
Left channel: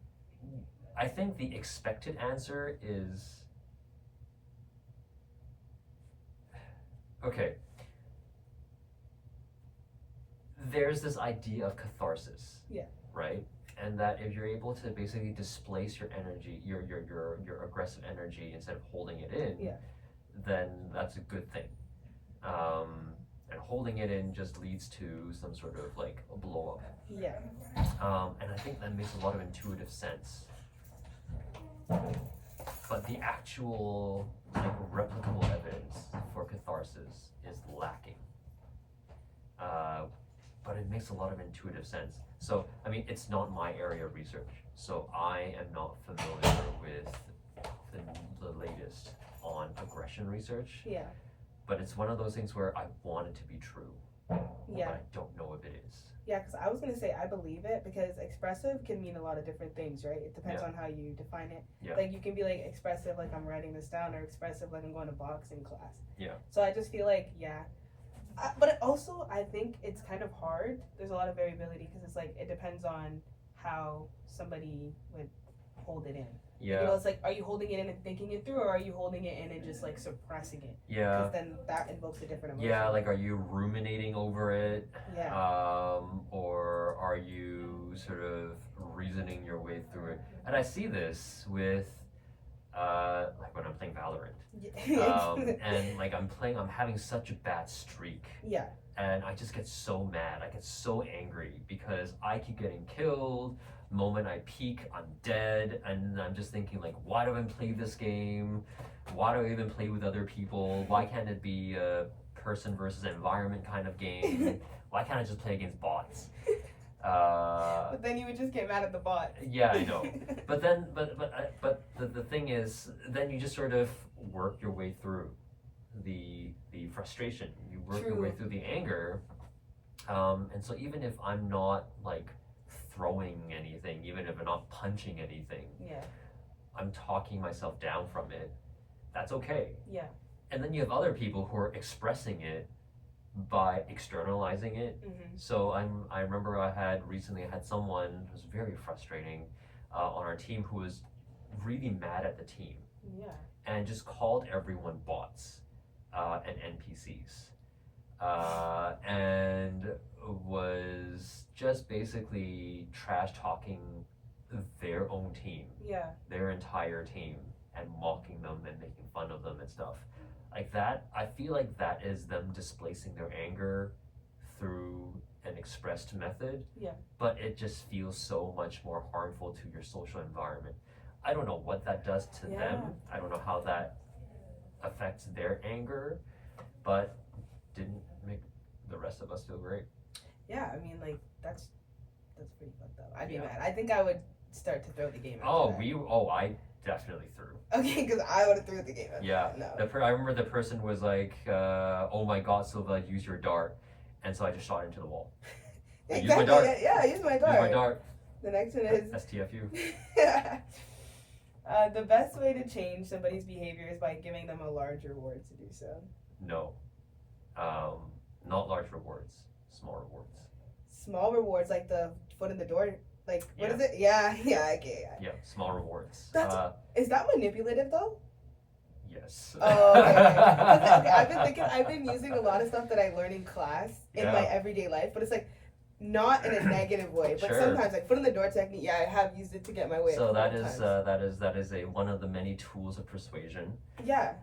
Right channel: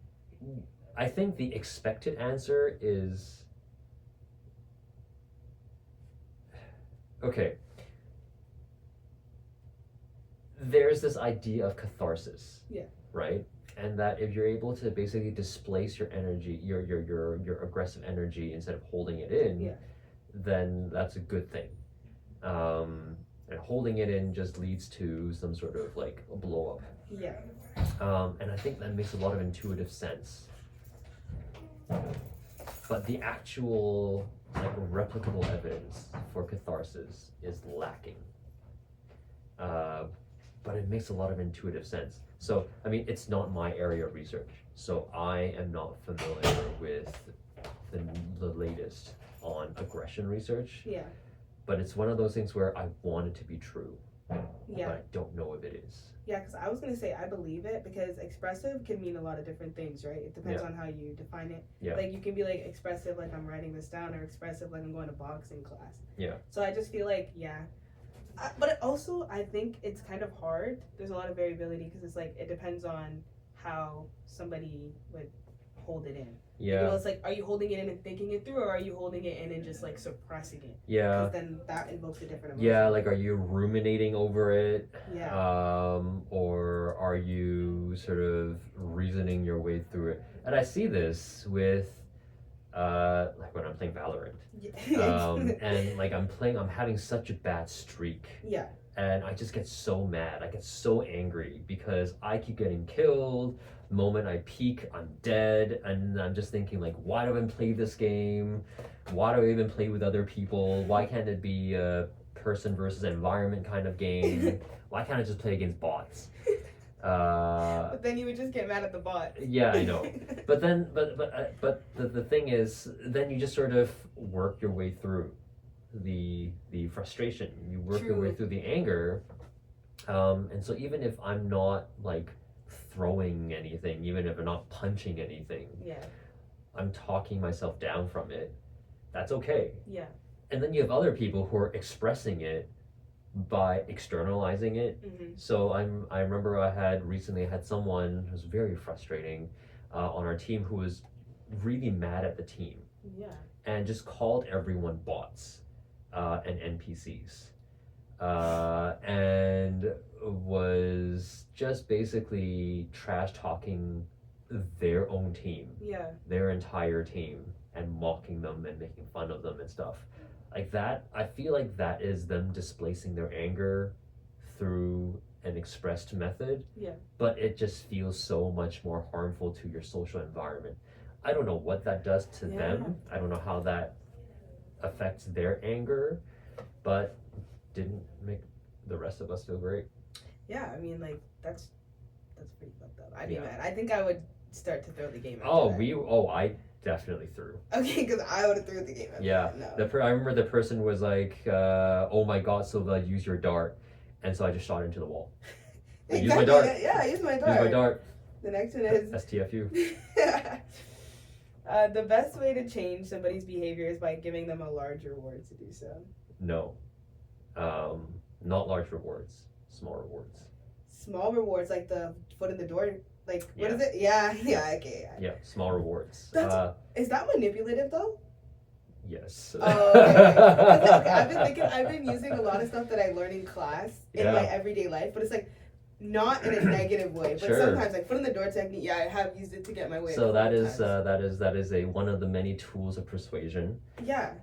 the expected answer is. Okay. There's this idea of catharsis. Yeah. Right? And that if you're able to basically displace your energy, your aggressive energy instead of holding it in, Yeah. then that's a good thing. And holding it in just leads to some sort of like a blow up. Yeah. And I think that makes a lot of intuitive sense. But the actual like replicable evidence for catharsis is lacking. But it makes a lot of intuitive sense. So, I mean, it's not my area of research, so I am not familiar with the latest on aggression research. Yeah. But it's one of those things where I want it to be true, Yeah. but I don't know if it is. Yeah, because I was going to say I believe it because expressive can mean a lot of different things, right? It depends on how you define it. Yeah. Like you can be like expressive like I'm writing this down or expressive like I'm going to boxing class. Yeah. So I just feel like, but it also, I think it's kind of hard. There's a lot of variability because it's like it depends on how somebody would hold it in. Yeah. You know, it's like, are you holding it in and thinking it through, or are you holding it in and just like suppressing it? Yeah. Because then that invokes a different emotion. Yeah, like are you ruminating over it? Yeah. Or are you sort of reasoning your way through it? And I see this with like when I'm playing Valorant. And like I'm having such a bad streak. Yeah. And I just get so mad. I get so angry because I keep getting killed. The moment I peak, I'm dead. And I'm just thinking like, why do I even play this game? Why do I even play with other people? Why can't it be a person versus environment kind of game? Why can't I just play against bots? But then you would just get mad at the bot. Yeah, I know. But then, the thing is, then you just sort of work your way through the frustration. You work your way through the anger. And so even if I'm not like throwing anything, even if I'm not punching anything, I'm talking myself down from it. That's okay. Yeah. And then you have other people who are expressing it by externalizing it. Mm-hmm. So I remember I recently had someone who was very frustrating on our team who was really mad at the team. Yeah. And just called everyone bots and NPCs. And was just basically trash talking their own team. Yeah. Their entire team, and mocking them and making fun of them and stuff. Like that, I feel like that is them displacing their anger through an expressed method. Yeah. But it just feels so much more harmful to your social environment. I don't know what that does to them. I don't know how that affects their anger, but didn't make the rest of us feel great. Yeah, I mean, like that's pretty fucked up. I'd be mad. I think I would start to throw the game. I definitely threw. Okay, because I would have threw the game. Yeah. No. I remember the person was like, "Oh my God, Silva, use your dart," and so I just shot into the wall. Exactly. Use my dart. Yeah, use my dart. Use my dart. The next one is STFU. the best way to change somebody's behavior is by giving them a large reward to do so. No. Not large rewards. Small rewards. Small rewards, like the foot in the door. Like, what Yeah. is it? Yeah, okay. Yeah, small rewards. Is that manipulative though? Yes. Oh, okay. I've been using a lot of stuff that I learn in class in my everyday life, but it's like not in a negative way, but sometimes like foot in the door technique. Yeah, I have used it to get my way. So that is one of the many tools of persuasion. Yeah.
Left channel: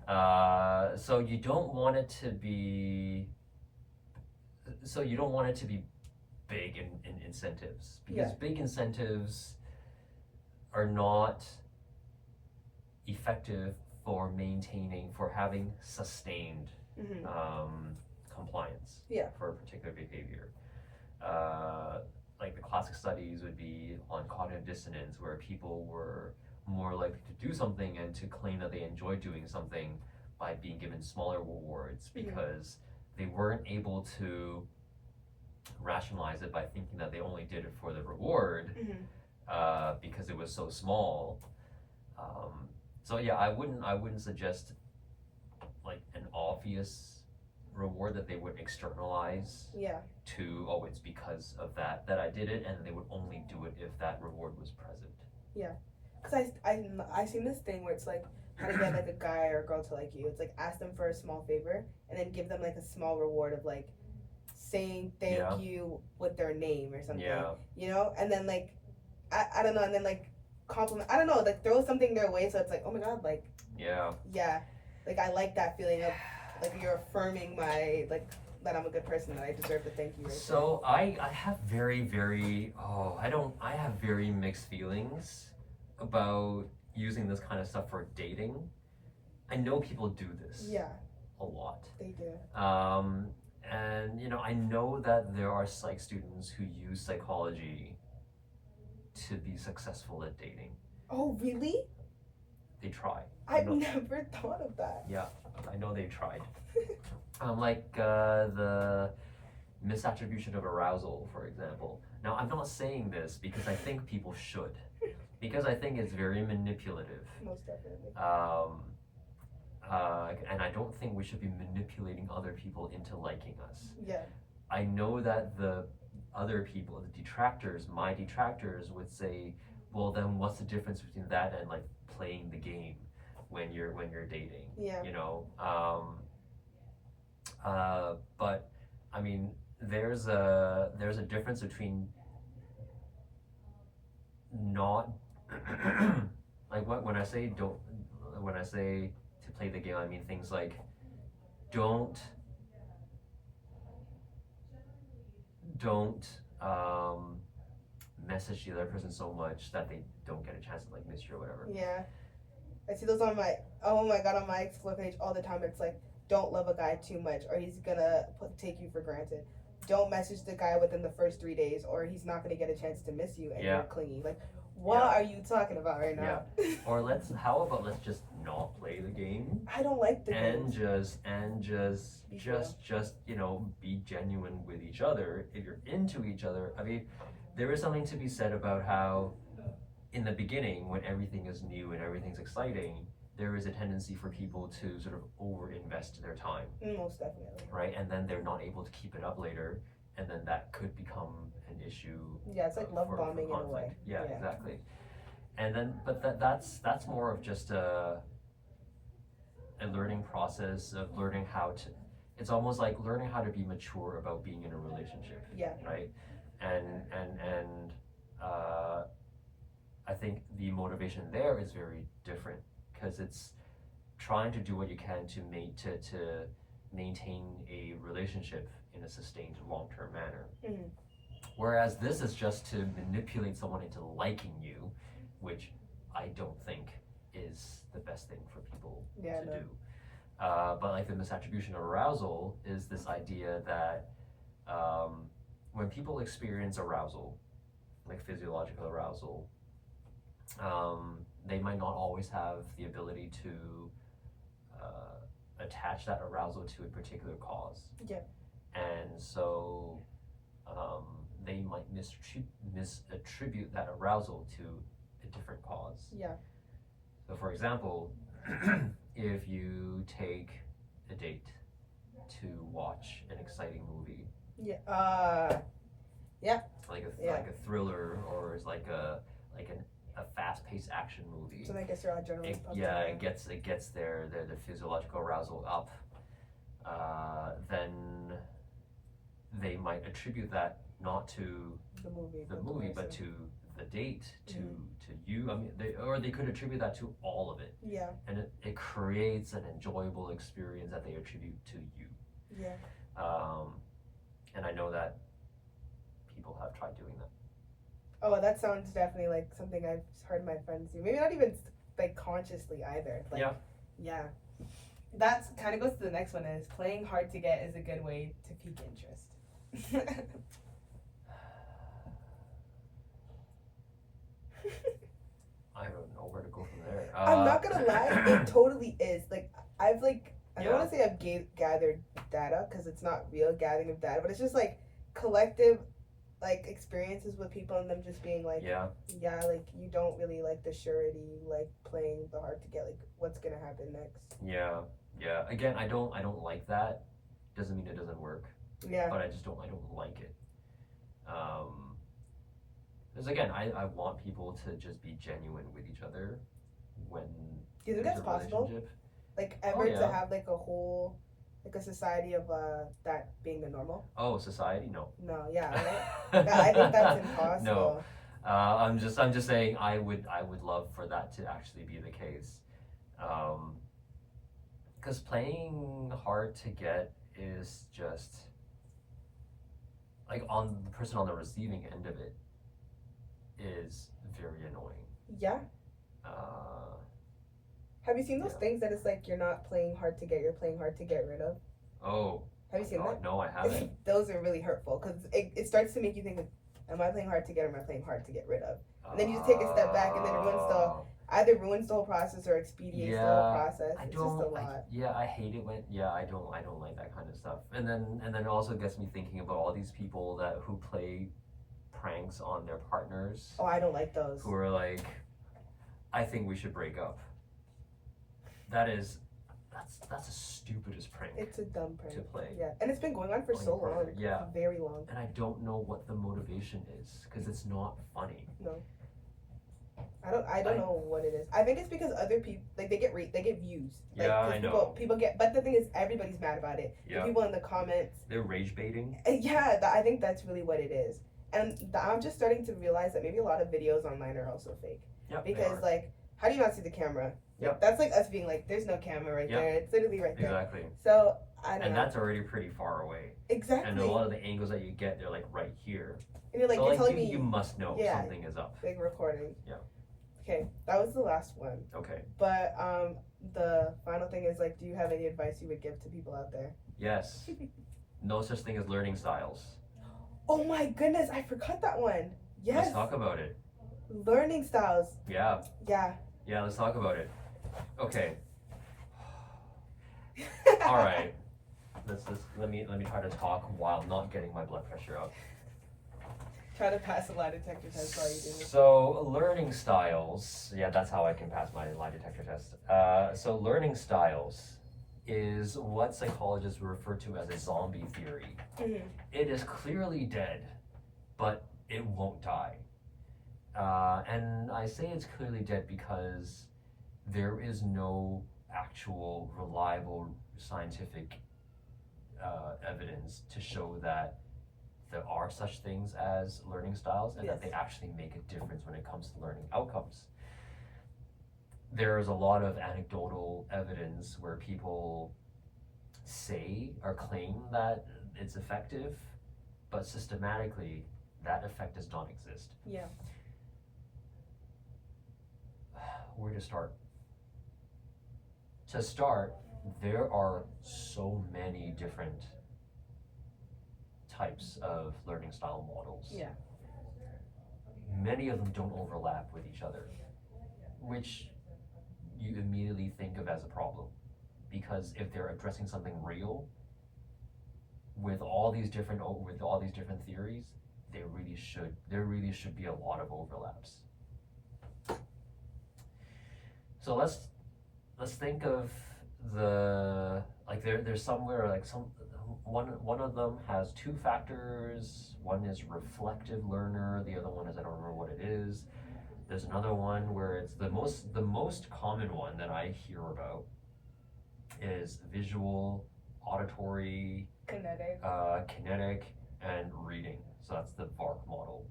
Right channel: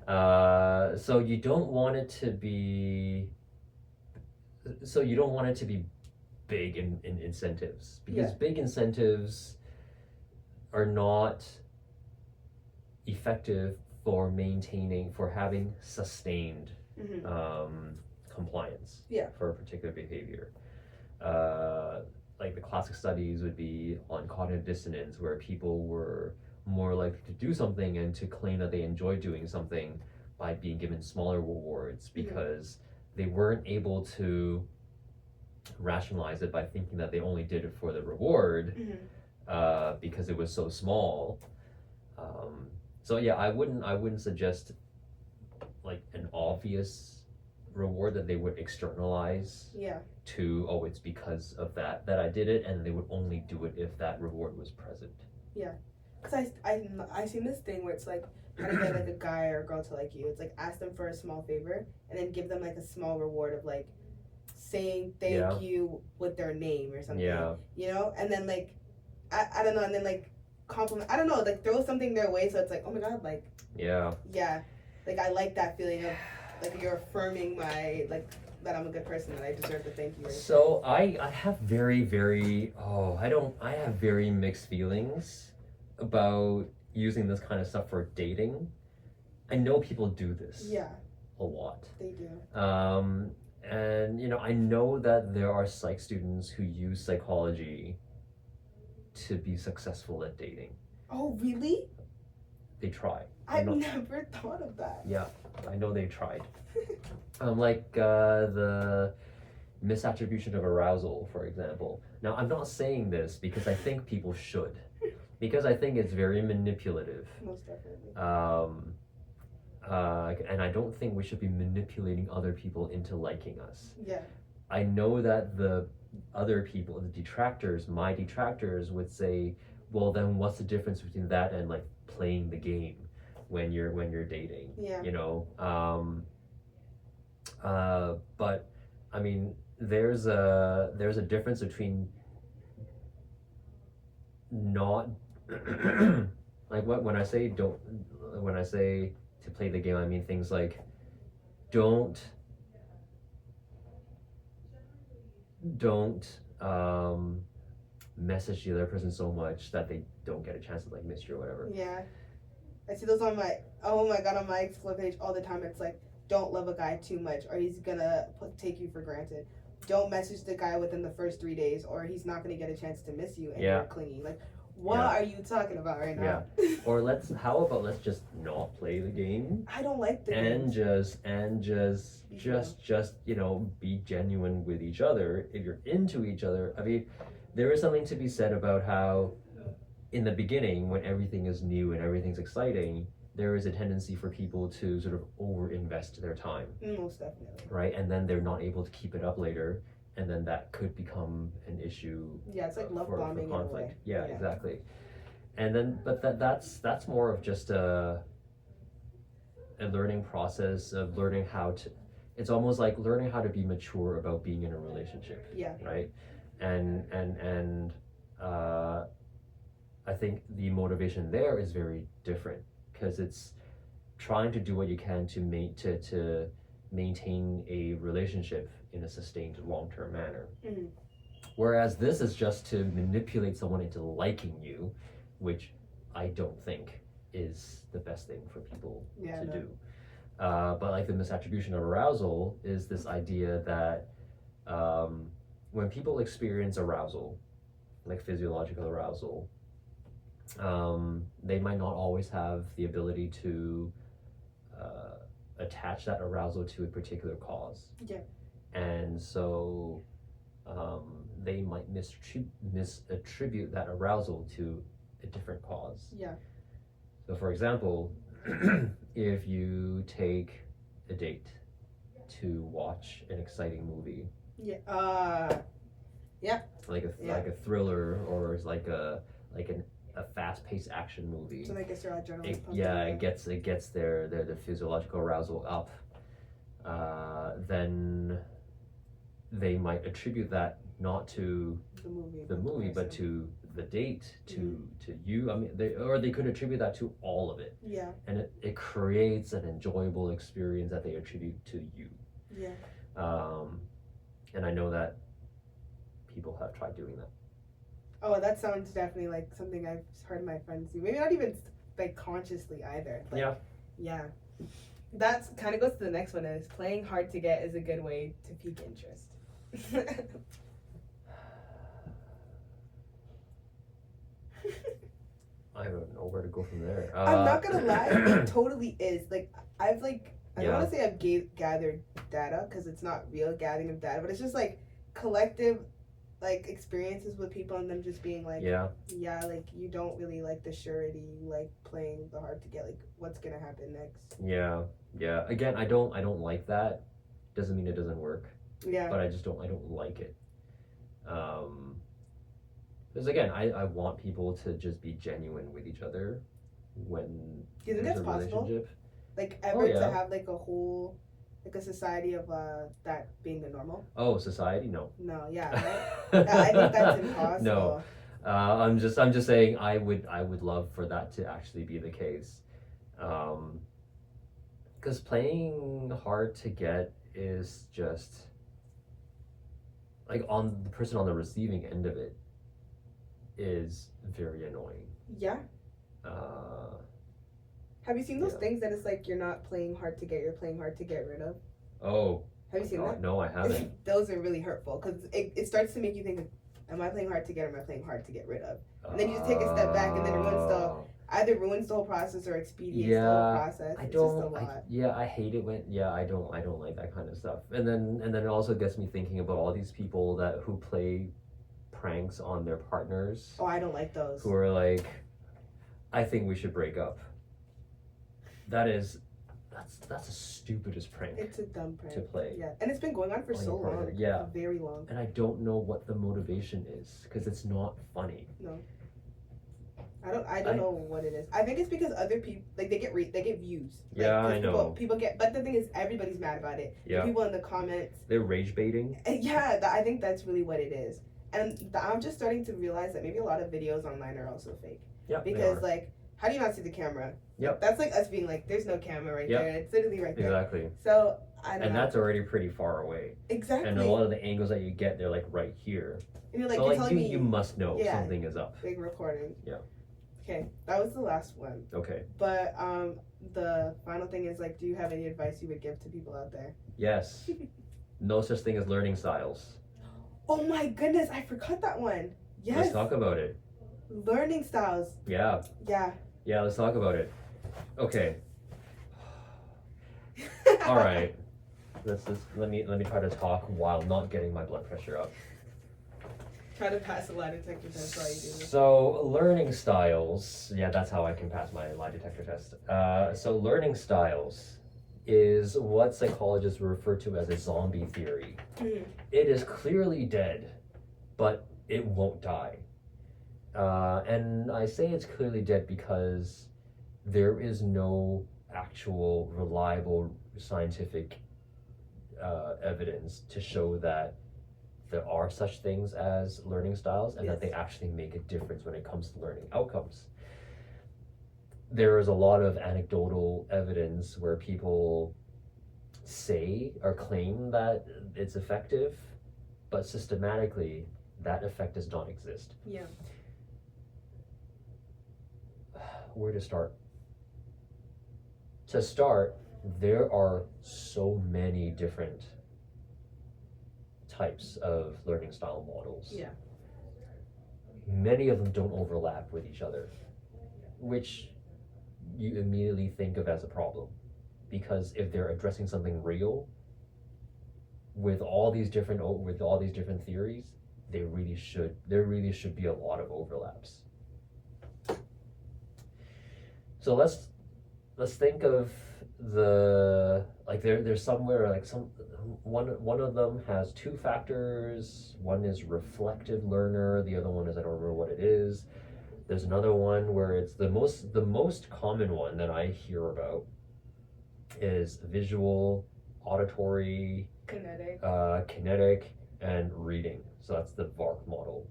So you don't want it to be. So you don't want it to be big in incentives, because big incentives are not effective for having sustained compliance for a particular behavior. like the classic studies would be on cognitive dissonance, where people were more likely to do something and to claim that they enjoy doing something by being given smaller rewards because they weren't able to rationalize it by thinking that they only did it for the reward because it was so small. So yeah, I wouldn't suggest like an obvious reward that they would externalize to, oh, it's because of that I did it, and they would only do it if that reward was present. Yeah, because I seen this thing where it's like how to get like a guy or a girl to like you. It's like ask them for a small favor and then give them like a small reward of like saying thank you with their name or something. Yeah. You know, and then like I don't know, and then like compliment. I don't know, like throw something their way so it's like, oh my god, like yeah, like I like that feeling of like you're affirming my like that I'm a good person, that I deserve to thank you. Right? So I have very I have very mixed feelings about using this kind of stuff for dating. I know people do this a lot. They do. And you know, I know that there are psych students who use psychology to be successful at dating. Oh really? They try. I've never thought of that. Yeah, I know they've tried. Like the misattribution of arousal, for example. Now, I'm not saying this because I think people should, because I think it's very manipulative. Most definitely. And I don't think we should be manipulating other people into liking us. Yeah. I know that the other people, the detractors, my detractors would say, well, then what's the difference between that and like playing the game when you're dating? Yeah. You know. But I mean, there's a difference between not like when I say to play the game, I mean things like don't message the other person so much that they don't get a chance to like miss you or whatever. Yeah, I see those on my on my Explore page all the time. It's like, don't love a guy too much or he's gonna take you for granted. Don't message the guy within the first 3 days or he's not gonna get a chance to miss you and you're clingy. Like, what are you talking about right now? Yeah. Or how about let's just not play the game? I don't like the and games. just you know, be genuine with each other. If you're into each other, I mean, there is something to be said about how in the beginning, when everything is new and everything's exciting, there is a tendency for people to sort of over-invest their time. Most definitely. Right? And then they're not able to keep it up later, and then that could become an issue. Yeah, it's like love bombing in a way. Yeah, exactly. And then, but that's more of just a learning process of learning how to. It's almost like learning how to be mature about being in a relationship. Yeah. Right. And I think the motivation there is very different, because it's trying to do what you can to maintain a relationship in a sustained long-term manner. Mm-hmm. Whereas this is just to manipulate someone into liking you, which I don't think is the best thing for people to do. But like the misattribution of arousal is this idea that when people experience arousal, like physiological arousal, they might not always have the ability to attach that arousal to a particular cause. Yeah. And so they might misattribute that arousal to a different cause. Yeah. So for example, if you take a date to watch an exciting movie, like a thriller, or like a fast-paced action movie. So I guess your adrenaline pumped. It gets their physiological arousal up. Then they might attribute that not to the movie, but to the date, to you. I mean, they could attribute that to all of it. Yeah. And it creates an enjoyable experience that they attribute to you. Yeah. And I know that people have tried doing that. Oh, that sounds definitely like something I've heard my friends do. Maybe not even like consciously either. Like, yeah. That kind of goes to the next one, is playing hard to get is a good way to pique interest. where to go from there. I'm not gonna lie, it totally is. Like, I've like, I don't Yeah. want to say I've gathered data because it's not real gathering of data, but it's just like collective, like experiences with people and them just being like, Yeah. like you don't really like the surety, you like playing the hard to get, like what's gonna happen next. Yeah. Yeah. Again, I don't like that. Doesn't mean it doesn't work. Yeah. But I don't like it. Because again, I want people to just be genuine with each other when Do you think there's that's a possible? relationship. Like ever yeah. to have like a whole, like a society of that being the normal? Oh, society? No. No, yeah, right. I think that's impossible. No. I'm just saying I would love for that to actually be the case. Because playing hard to get is just like on the person on the receiving end of it is very annoying. Yeah. Have you seen those Yeah. things that it's like you're not playing hard to get, you're playing hard to get rid of? Oh. Have you seen that? No, I haven't. Those are really hurtful because it starts to make you think, like, am I playing hard to get or am I playing hard to get rid of? And then you just take a step back and then it either ruins the whole process or expedites the whole process. It's just a lot. I hate it when I don't like that kind of stuff. And then it also gets me thinking about all these people who play pranks on their partners. Oh, I don't like those. Who are like, I think we should break up. That's the stupidest prank. It's a dumb prank to play. Yeah, and it's been going on for so long. Yeah, very long. And I don't know what the motivation is because it's not funny. No. I don't know what it is. I think it's because other people they get views. Like, yeah, I know. People get, but the thing is, everybody's mad about it. Yeah. The people in the comments. They're rage baiting. Yeah, I think that's really what it is. And I'm just starting to realize that maybe a lot of videos online are also fake. Yeah. Because like, how do you not see the camera? Yep. That's like us being like, there's no camera right there. It's literally right there. Exactly. So I don't know. And that's already pretty far away. Exactly. And a lot of the angles that you get, they're like right here. And you're like, so you're telling me you must know something is up. Big recording. Yeah. Okay, that was the last one. Okay. But the final thing is like, do you have any advice you would give to people out there? Yes. No such thing as learning styles. Oh my goodness, I forgot that one. Yes. Let's talk about it. Learning styles. Yeah. Yeah. Yeah, let's talk about it. Okay. All right. Let me try to talk while not getting my blood pressure up. Try to pass a lie detector test while you do this. So learning styles, yeah, that's how I can pass my lie detector test. So learning styles is what psychologists refer to as a zombie theory. Mm-hmm. It is clearly dead, but it won't die. And I say it's clearly dead because there is no actual reliable scientific evidence to show that there are such things as learning styles and that they actually make a difference when it comes to learning outcomes. There is a lot of anecdotal evidence where people say or claim that it's effective, but systematically that effect does not exist. Yeah. Where to start? To start, there are so many different types of learning style models. Yeah. Many of them don't overlap with each other, which you immediately think of as a problem, because if they're addressing something real with all these different theories, there really should be a lot of overlaps. So let's think of there's somewhere like one of them has two factors. One is reflective learner, the other one is I don't remember what it is. There's another one where it's the most common one that I hear about is visual, auditory, kinetic, and reading. So that's the VARK model.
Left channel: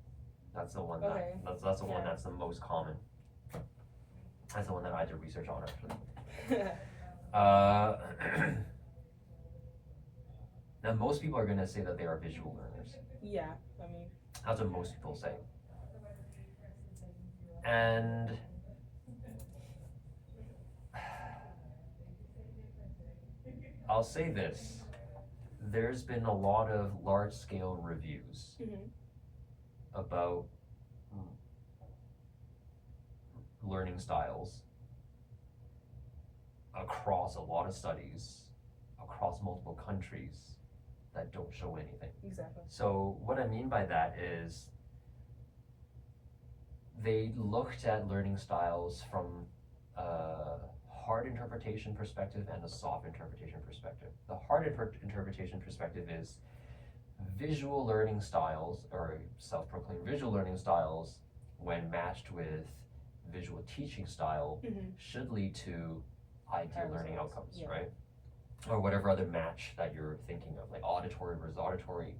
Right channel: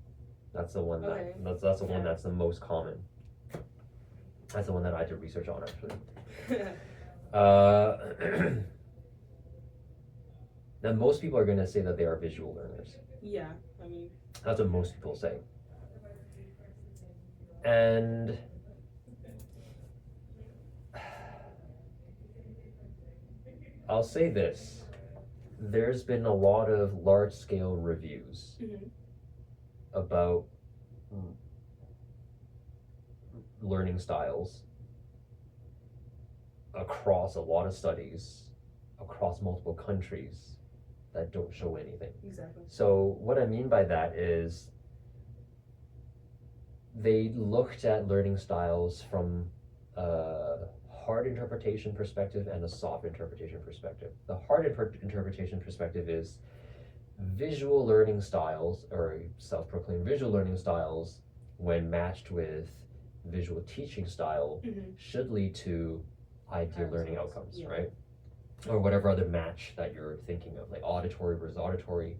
That's the one that's the one that's the most common. That's the one that I did research on actually. Now most people are going to say that they are visual learners. Yeah, I mean. That's what most people say. And I'll say this. There's been a lot of large-scale reviews about learning styles across a lot of studies, across multiple countries, that don't show anything. Exactly. So what I mean by that is they looked at learning styles from a hard interpretation perspective and a soft interpretation perspective. The hard interpretation perspective is visual learning styles, or self-proclaimed visual learning styles, when matched with visual teaching style, should lead to ideal learning outcomes, right? Or whatever other match that you're thinking of, like auditory versus auditory.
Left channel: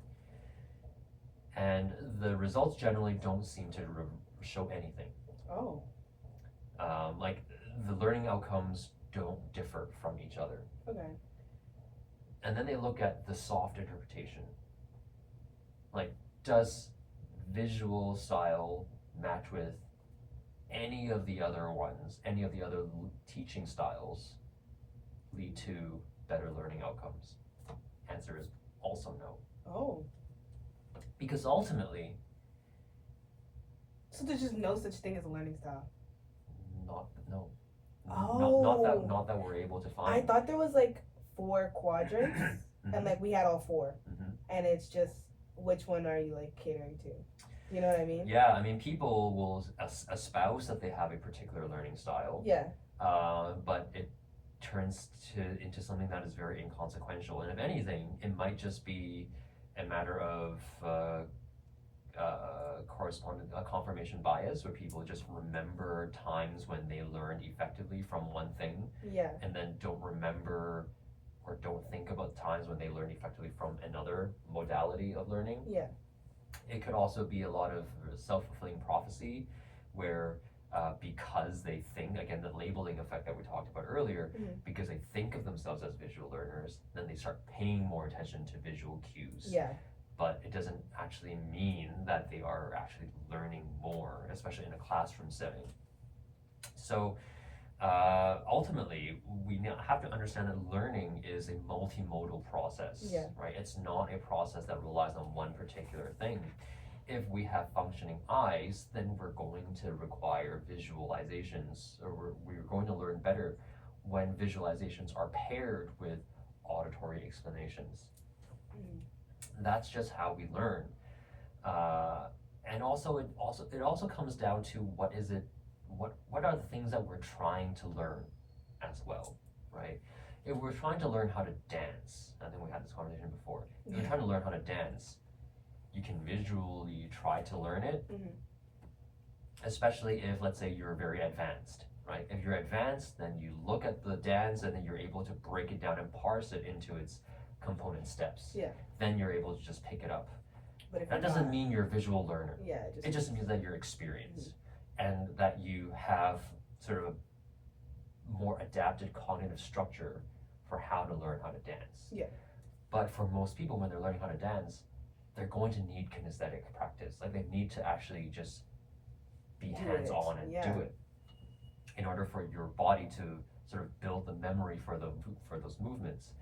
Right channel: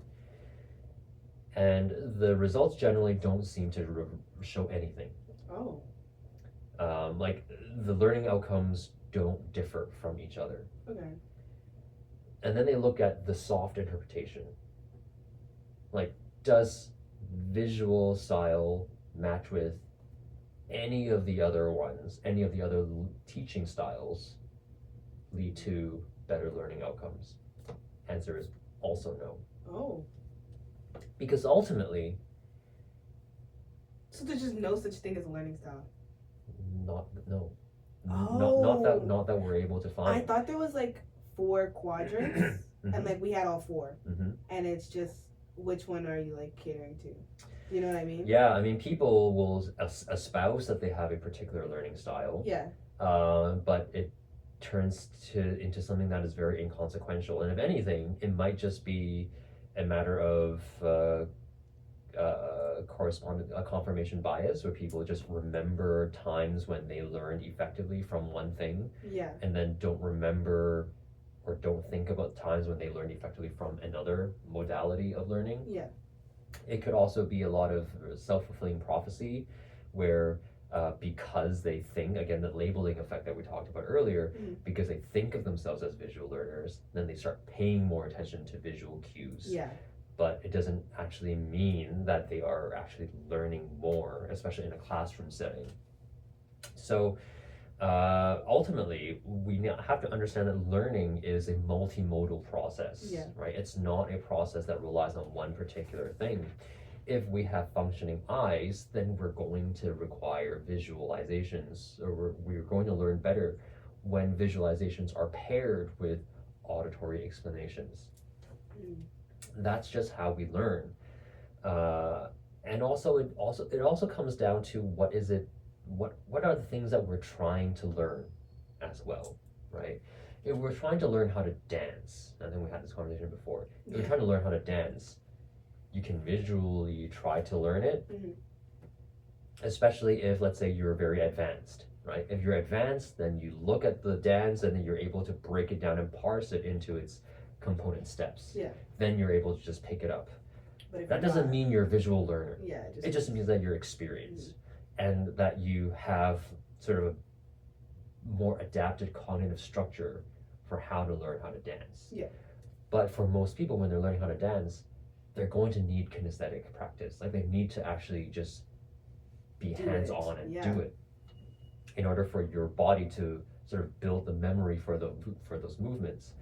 And the results generally don't seem to show anything. Oh. Like the learning outcomes don't differ from each other. Okay. And then they look at the soft interpretation. Like, does visual style match with any of the other ones, any of the other teaching styles lead to better learning outcomes? Answer is also no. Oh. Because ultimately, so there's just no such thing as a learning style. Not that we're able to find. I thought there was like 4 quadrants, and like we had all 4, and it's just which one are you like catering to? You know what I mean? Yeah, I mean people will espouse that they have a particular learning style. Yeah. But it turns into something that is very inconsequential, and if anything, it might just be a matter of confirmation bias, where people just remember times when they learned effectively from one thing, and then don't remember or don't think about times when they learned effectively from another modality of learning. It could also be a lot of self-fulfilling prophecy, where because they think, again, the labeling effect that we talked about earlier, because they think of themselves as visual learners, then they start paying more attention to visual cues. But it doesn't actually mean that they are actually learning more, especially in a classroom setting. So ultimately, we have to understand that learning is a multimodal process, right? It's not a process that relies on one particular thing. If we have functioning eyes, then we're going to require visualizations, or we're going to learn better when visualizations are paired with auditory explanations. That's just how we learn. And also it also comes down to what are the things that we're trying to learn as well, right? If we're trying to learn how to dance, I think we had this conversation before. If you're trying to learn how to dance, you can visually try to learn it, especially if, let's say, you're very advanced, right? If you're advanced, then you look at the dance and then you're able to break it down and parse it into its component steps. Then you're able to just pick it up. But that doesn't mean you're a visual learner. It just means that you're experienced and that you have sort of a more adapted cognitive structure for how to learn how to dance. But for most people, when they're learning how to dance, they're going to need kinesthetic practice. Like, they need to actually just be hands-on and do it in order for your body to sort of build the memory for those movements.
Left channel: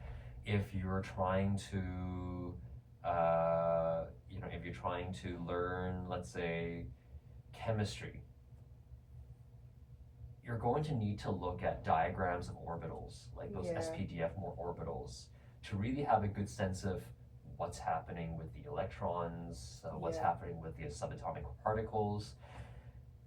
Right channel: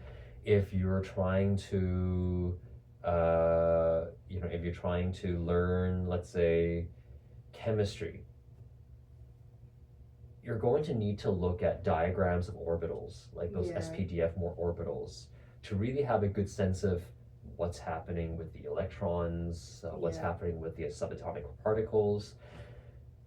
If you're trying to if you're trying to learn, let's say, chemistry, you're going to need to look at diagrams of orbitals, like those SPDF orbitals, to really have a good sense of what's happening with the electrons, what's happening with the subatomic particles.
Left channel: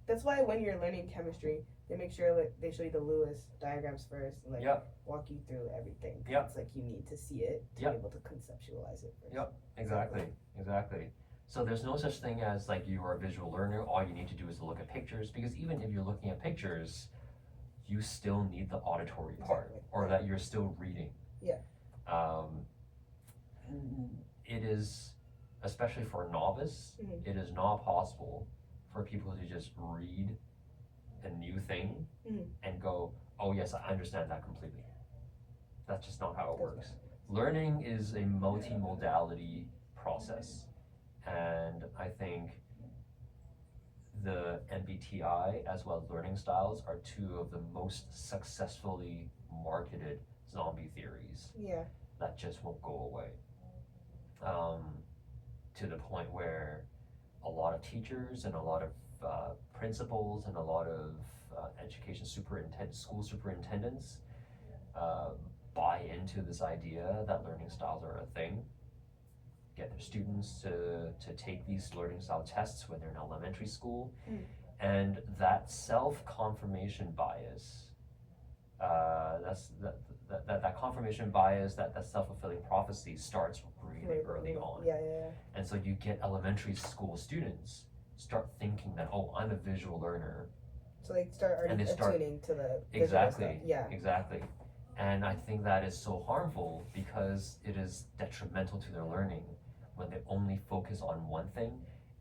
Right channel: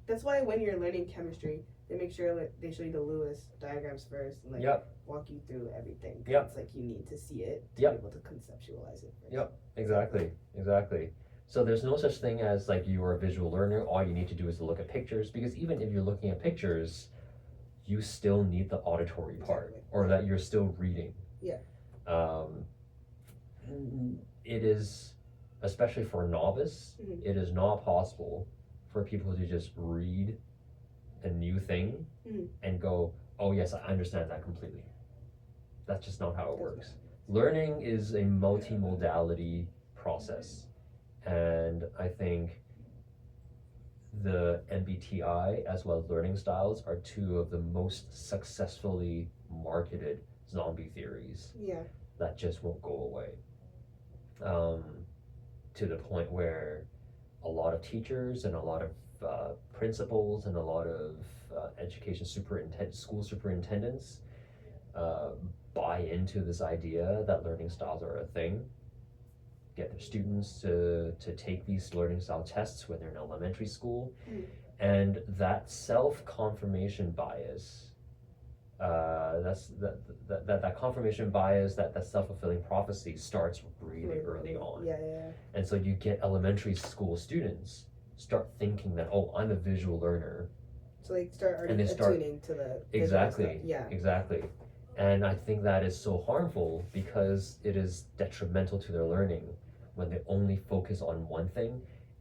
That's why when you're learning chemistry, they make sure that they show you the Lewis diagrams first, and walk you through everything. It's like you need to see it to be able to conceptualize it first. Exactly. So there's no such thing as like you are a visual learner. All you need to do is to look at pictures, because even if you're looking at pictures, you still need the auditory part, or that you're still reading. It is, especially for a novice, it is not possible for people to just read a new thing and go, oh yes, I understand that completely. That's just not how it works. Learning is a multimodality process, and I think the MBTI as well as learning styles are 2 of the most successfully marketed zombie theories that just won't go away. To the point where a lot of teachers and a lot of principals and a lot of school superintendents buy into this idea that learning styles are a thing, get their students to take these learning style tests when they're in elementary school, and that self-confirmation bias, that confirmation bias, that self-fulfilling prophecy starts really early on. Yeah. And so you get elementary school students start thinking that, oh, I'm a visual learner. So like start already attuning to the exactly stuff. Yeah. Exactly. And I think that is so harmful because it is detrimental to their learning when they only focus on one thing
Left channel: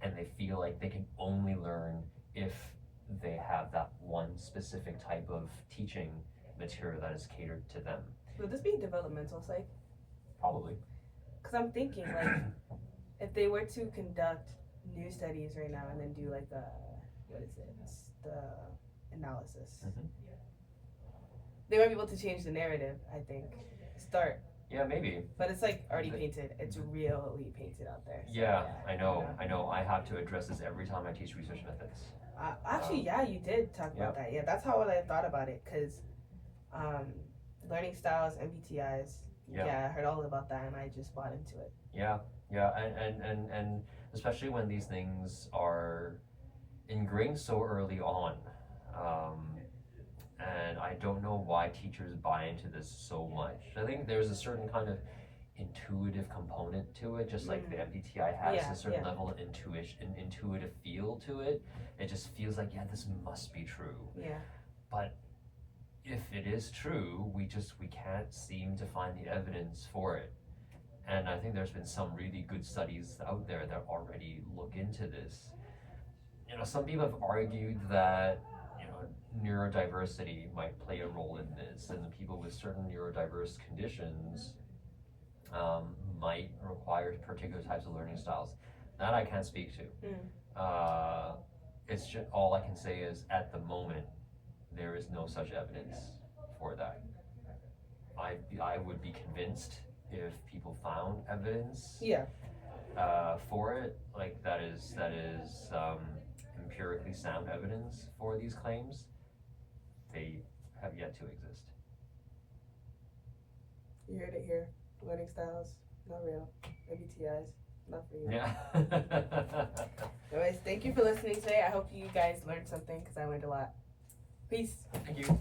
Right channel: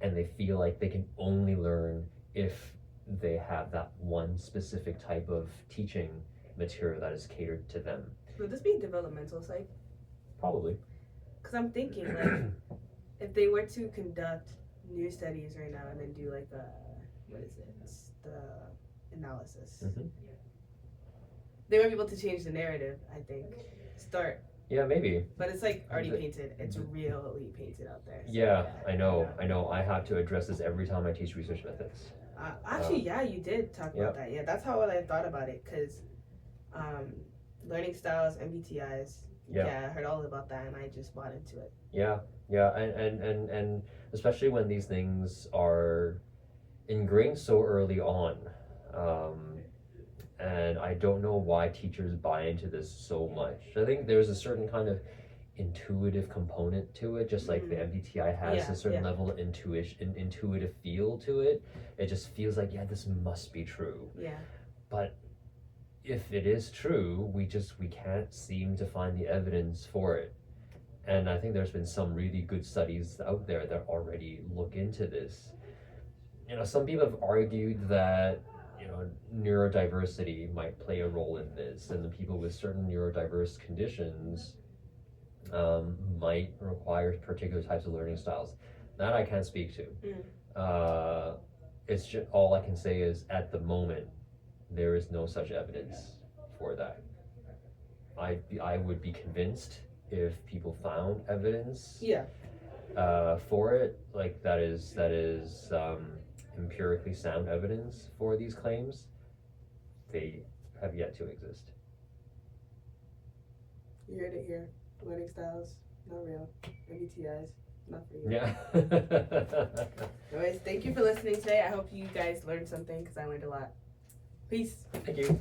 and they feel like they can only learn if they have that one specific type of teaching material that is catered to them. Would this be developmental psych? Probably. Because I'm thinking, like, if they were to conduct new studies right now and then do like the analysis, they might be able to change the narrative. I think start. Yeah, maybe. But it's like already painted. It's really painted out there. So yeah, I know. I have to address this every time I teach research methods. Actually, yeah, you did talk about that. Yeah, that's how I thought about it. Because learning styles, MBTIs. Yeah, I heard all about that, and I just bought into it. Yeah, and especially when these things are ingrained so early on. And I don't know why teachers buy into this so much. I think there's a certain kind of intuitive component to it, just like the MBTI has a certain level of intuitive feel to it. It just feels like, yeah, this must be true. Yeah. But if it is true, we can't seem to find the evidence for it. And I think there's been some really good studies out there that already look into this. You know, some people have argued that neurodiversity might play a role in this, and the people with certain neurodiverse conditions might require particular types of learning styles. That I can't speak to. It's just, all I can say is at the moment there is no such evidence for that. I would be convinced if people found evidence for it, like that is empirically sound evidence for these claims. They have yet to exist. You heard it here. Learning styles, not real. MBTIs, not for you. Yeah. Anyways, thank you for listening today. I hope you guys learned something because I learned a lot. Peace. Thank you.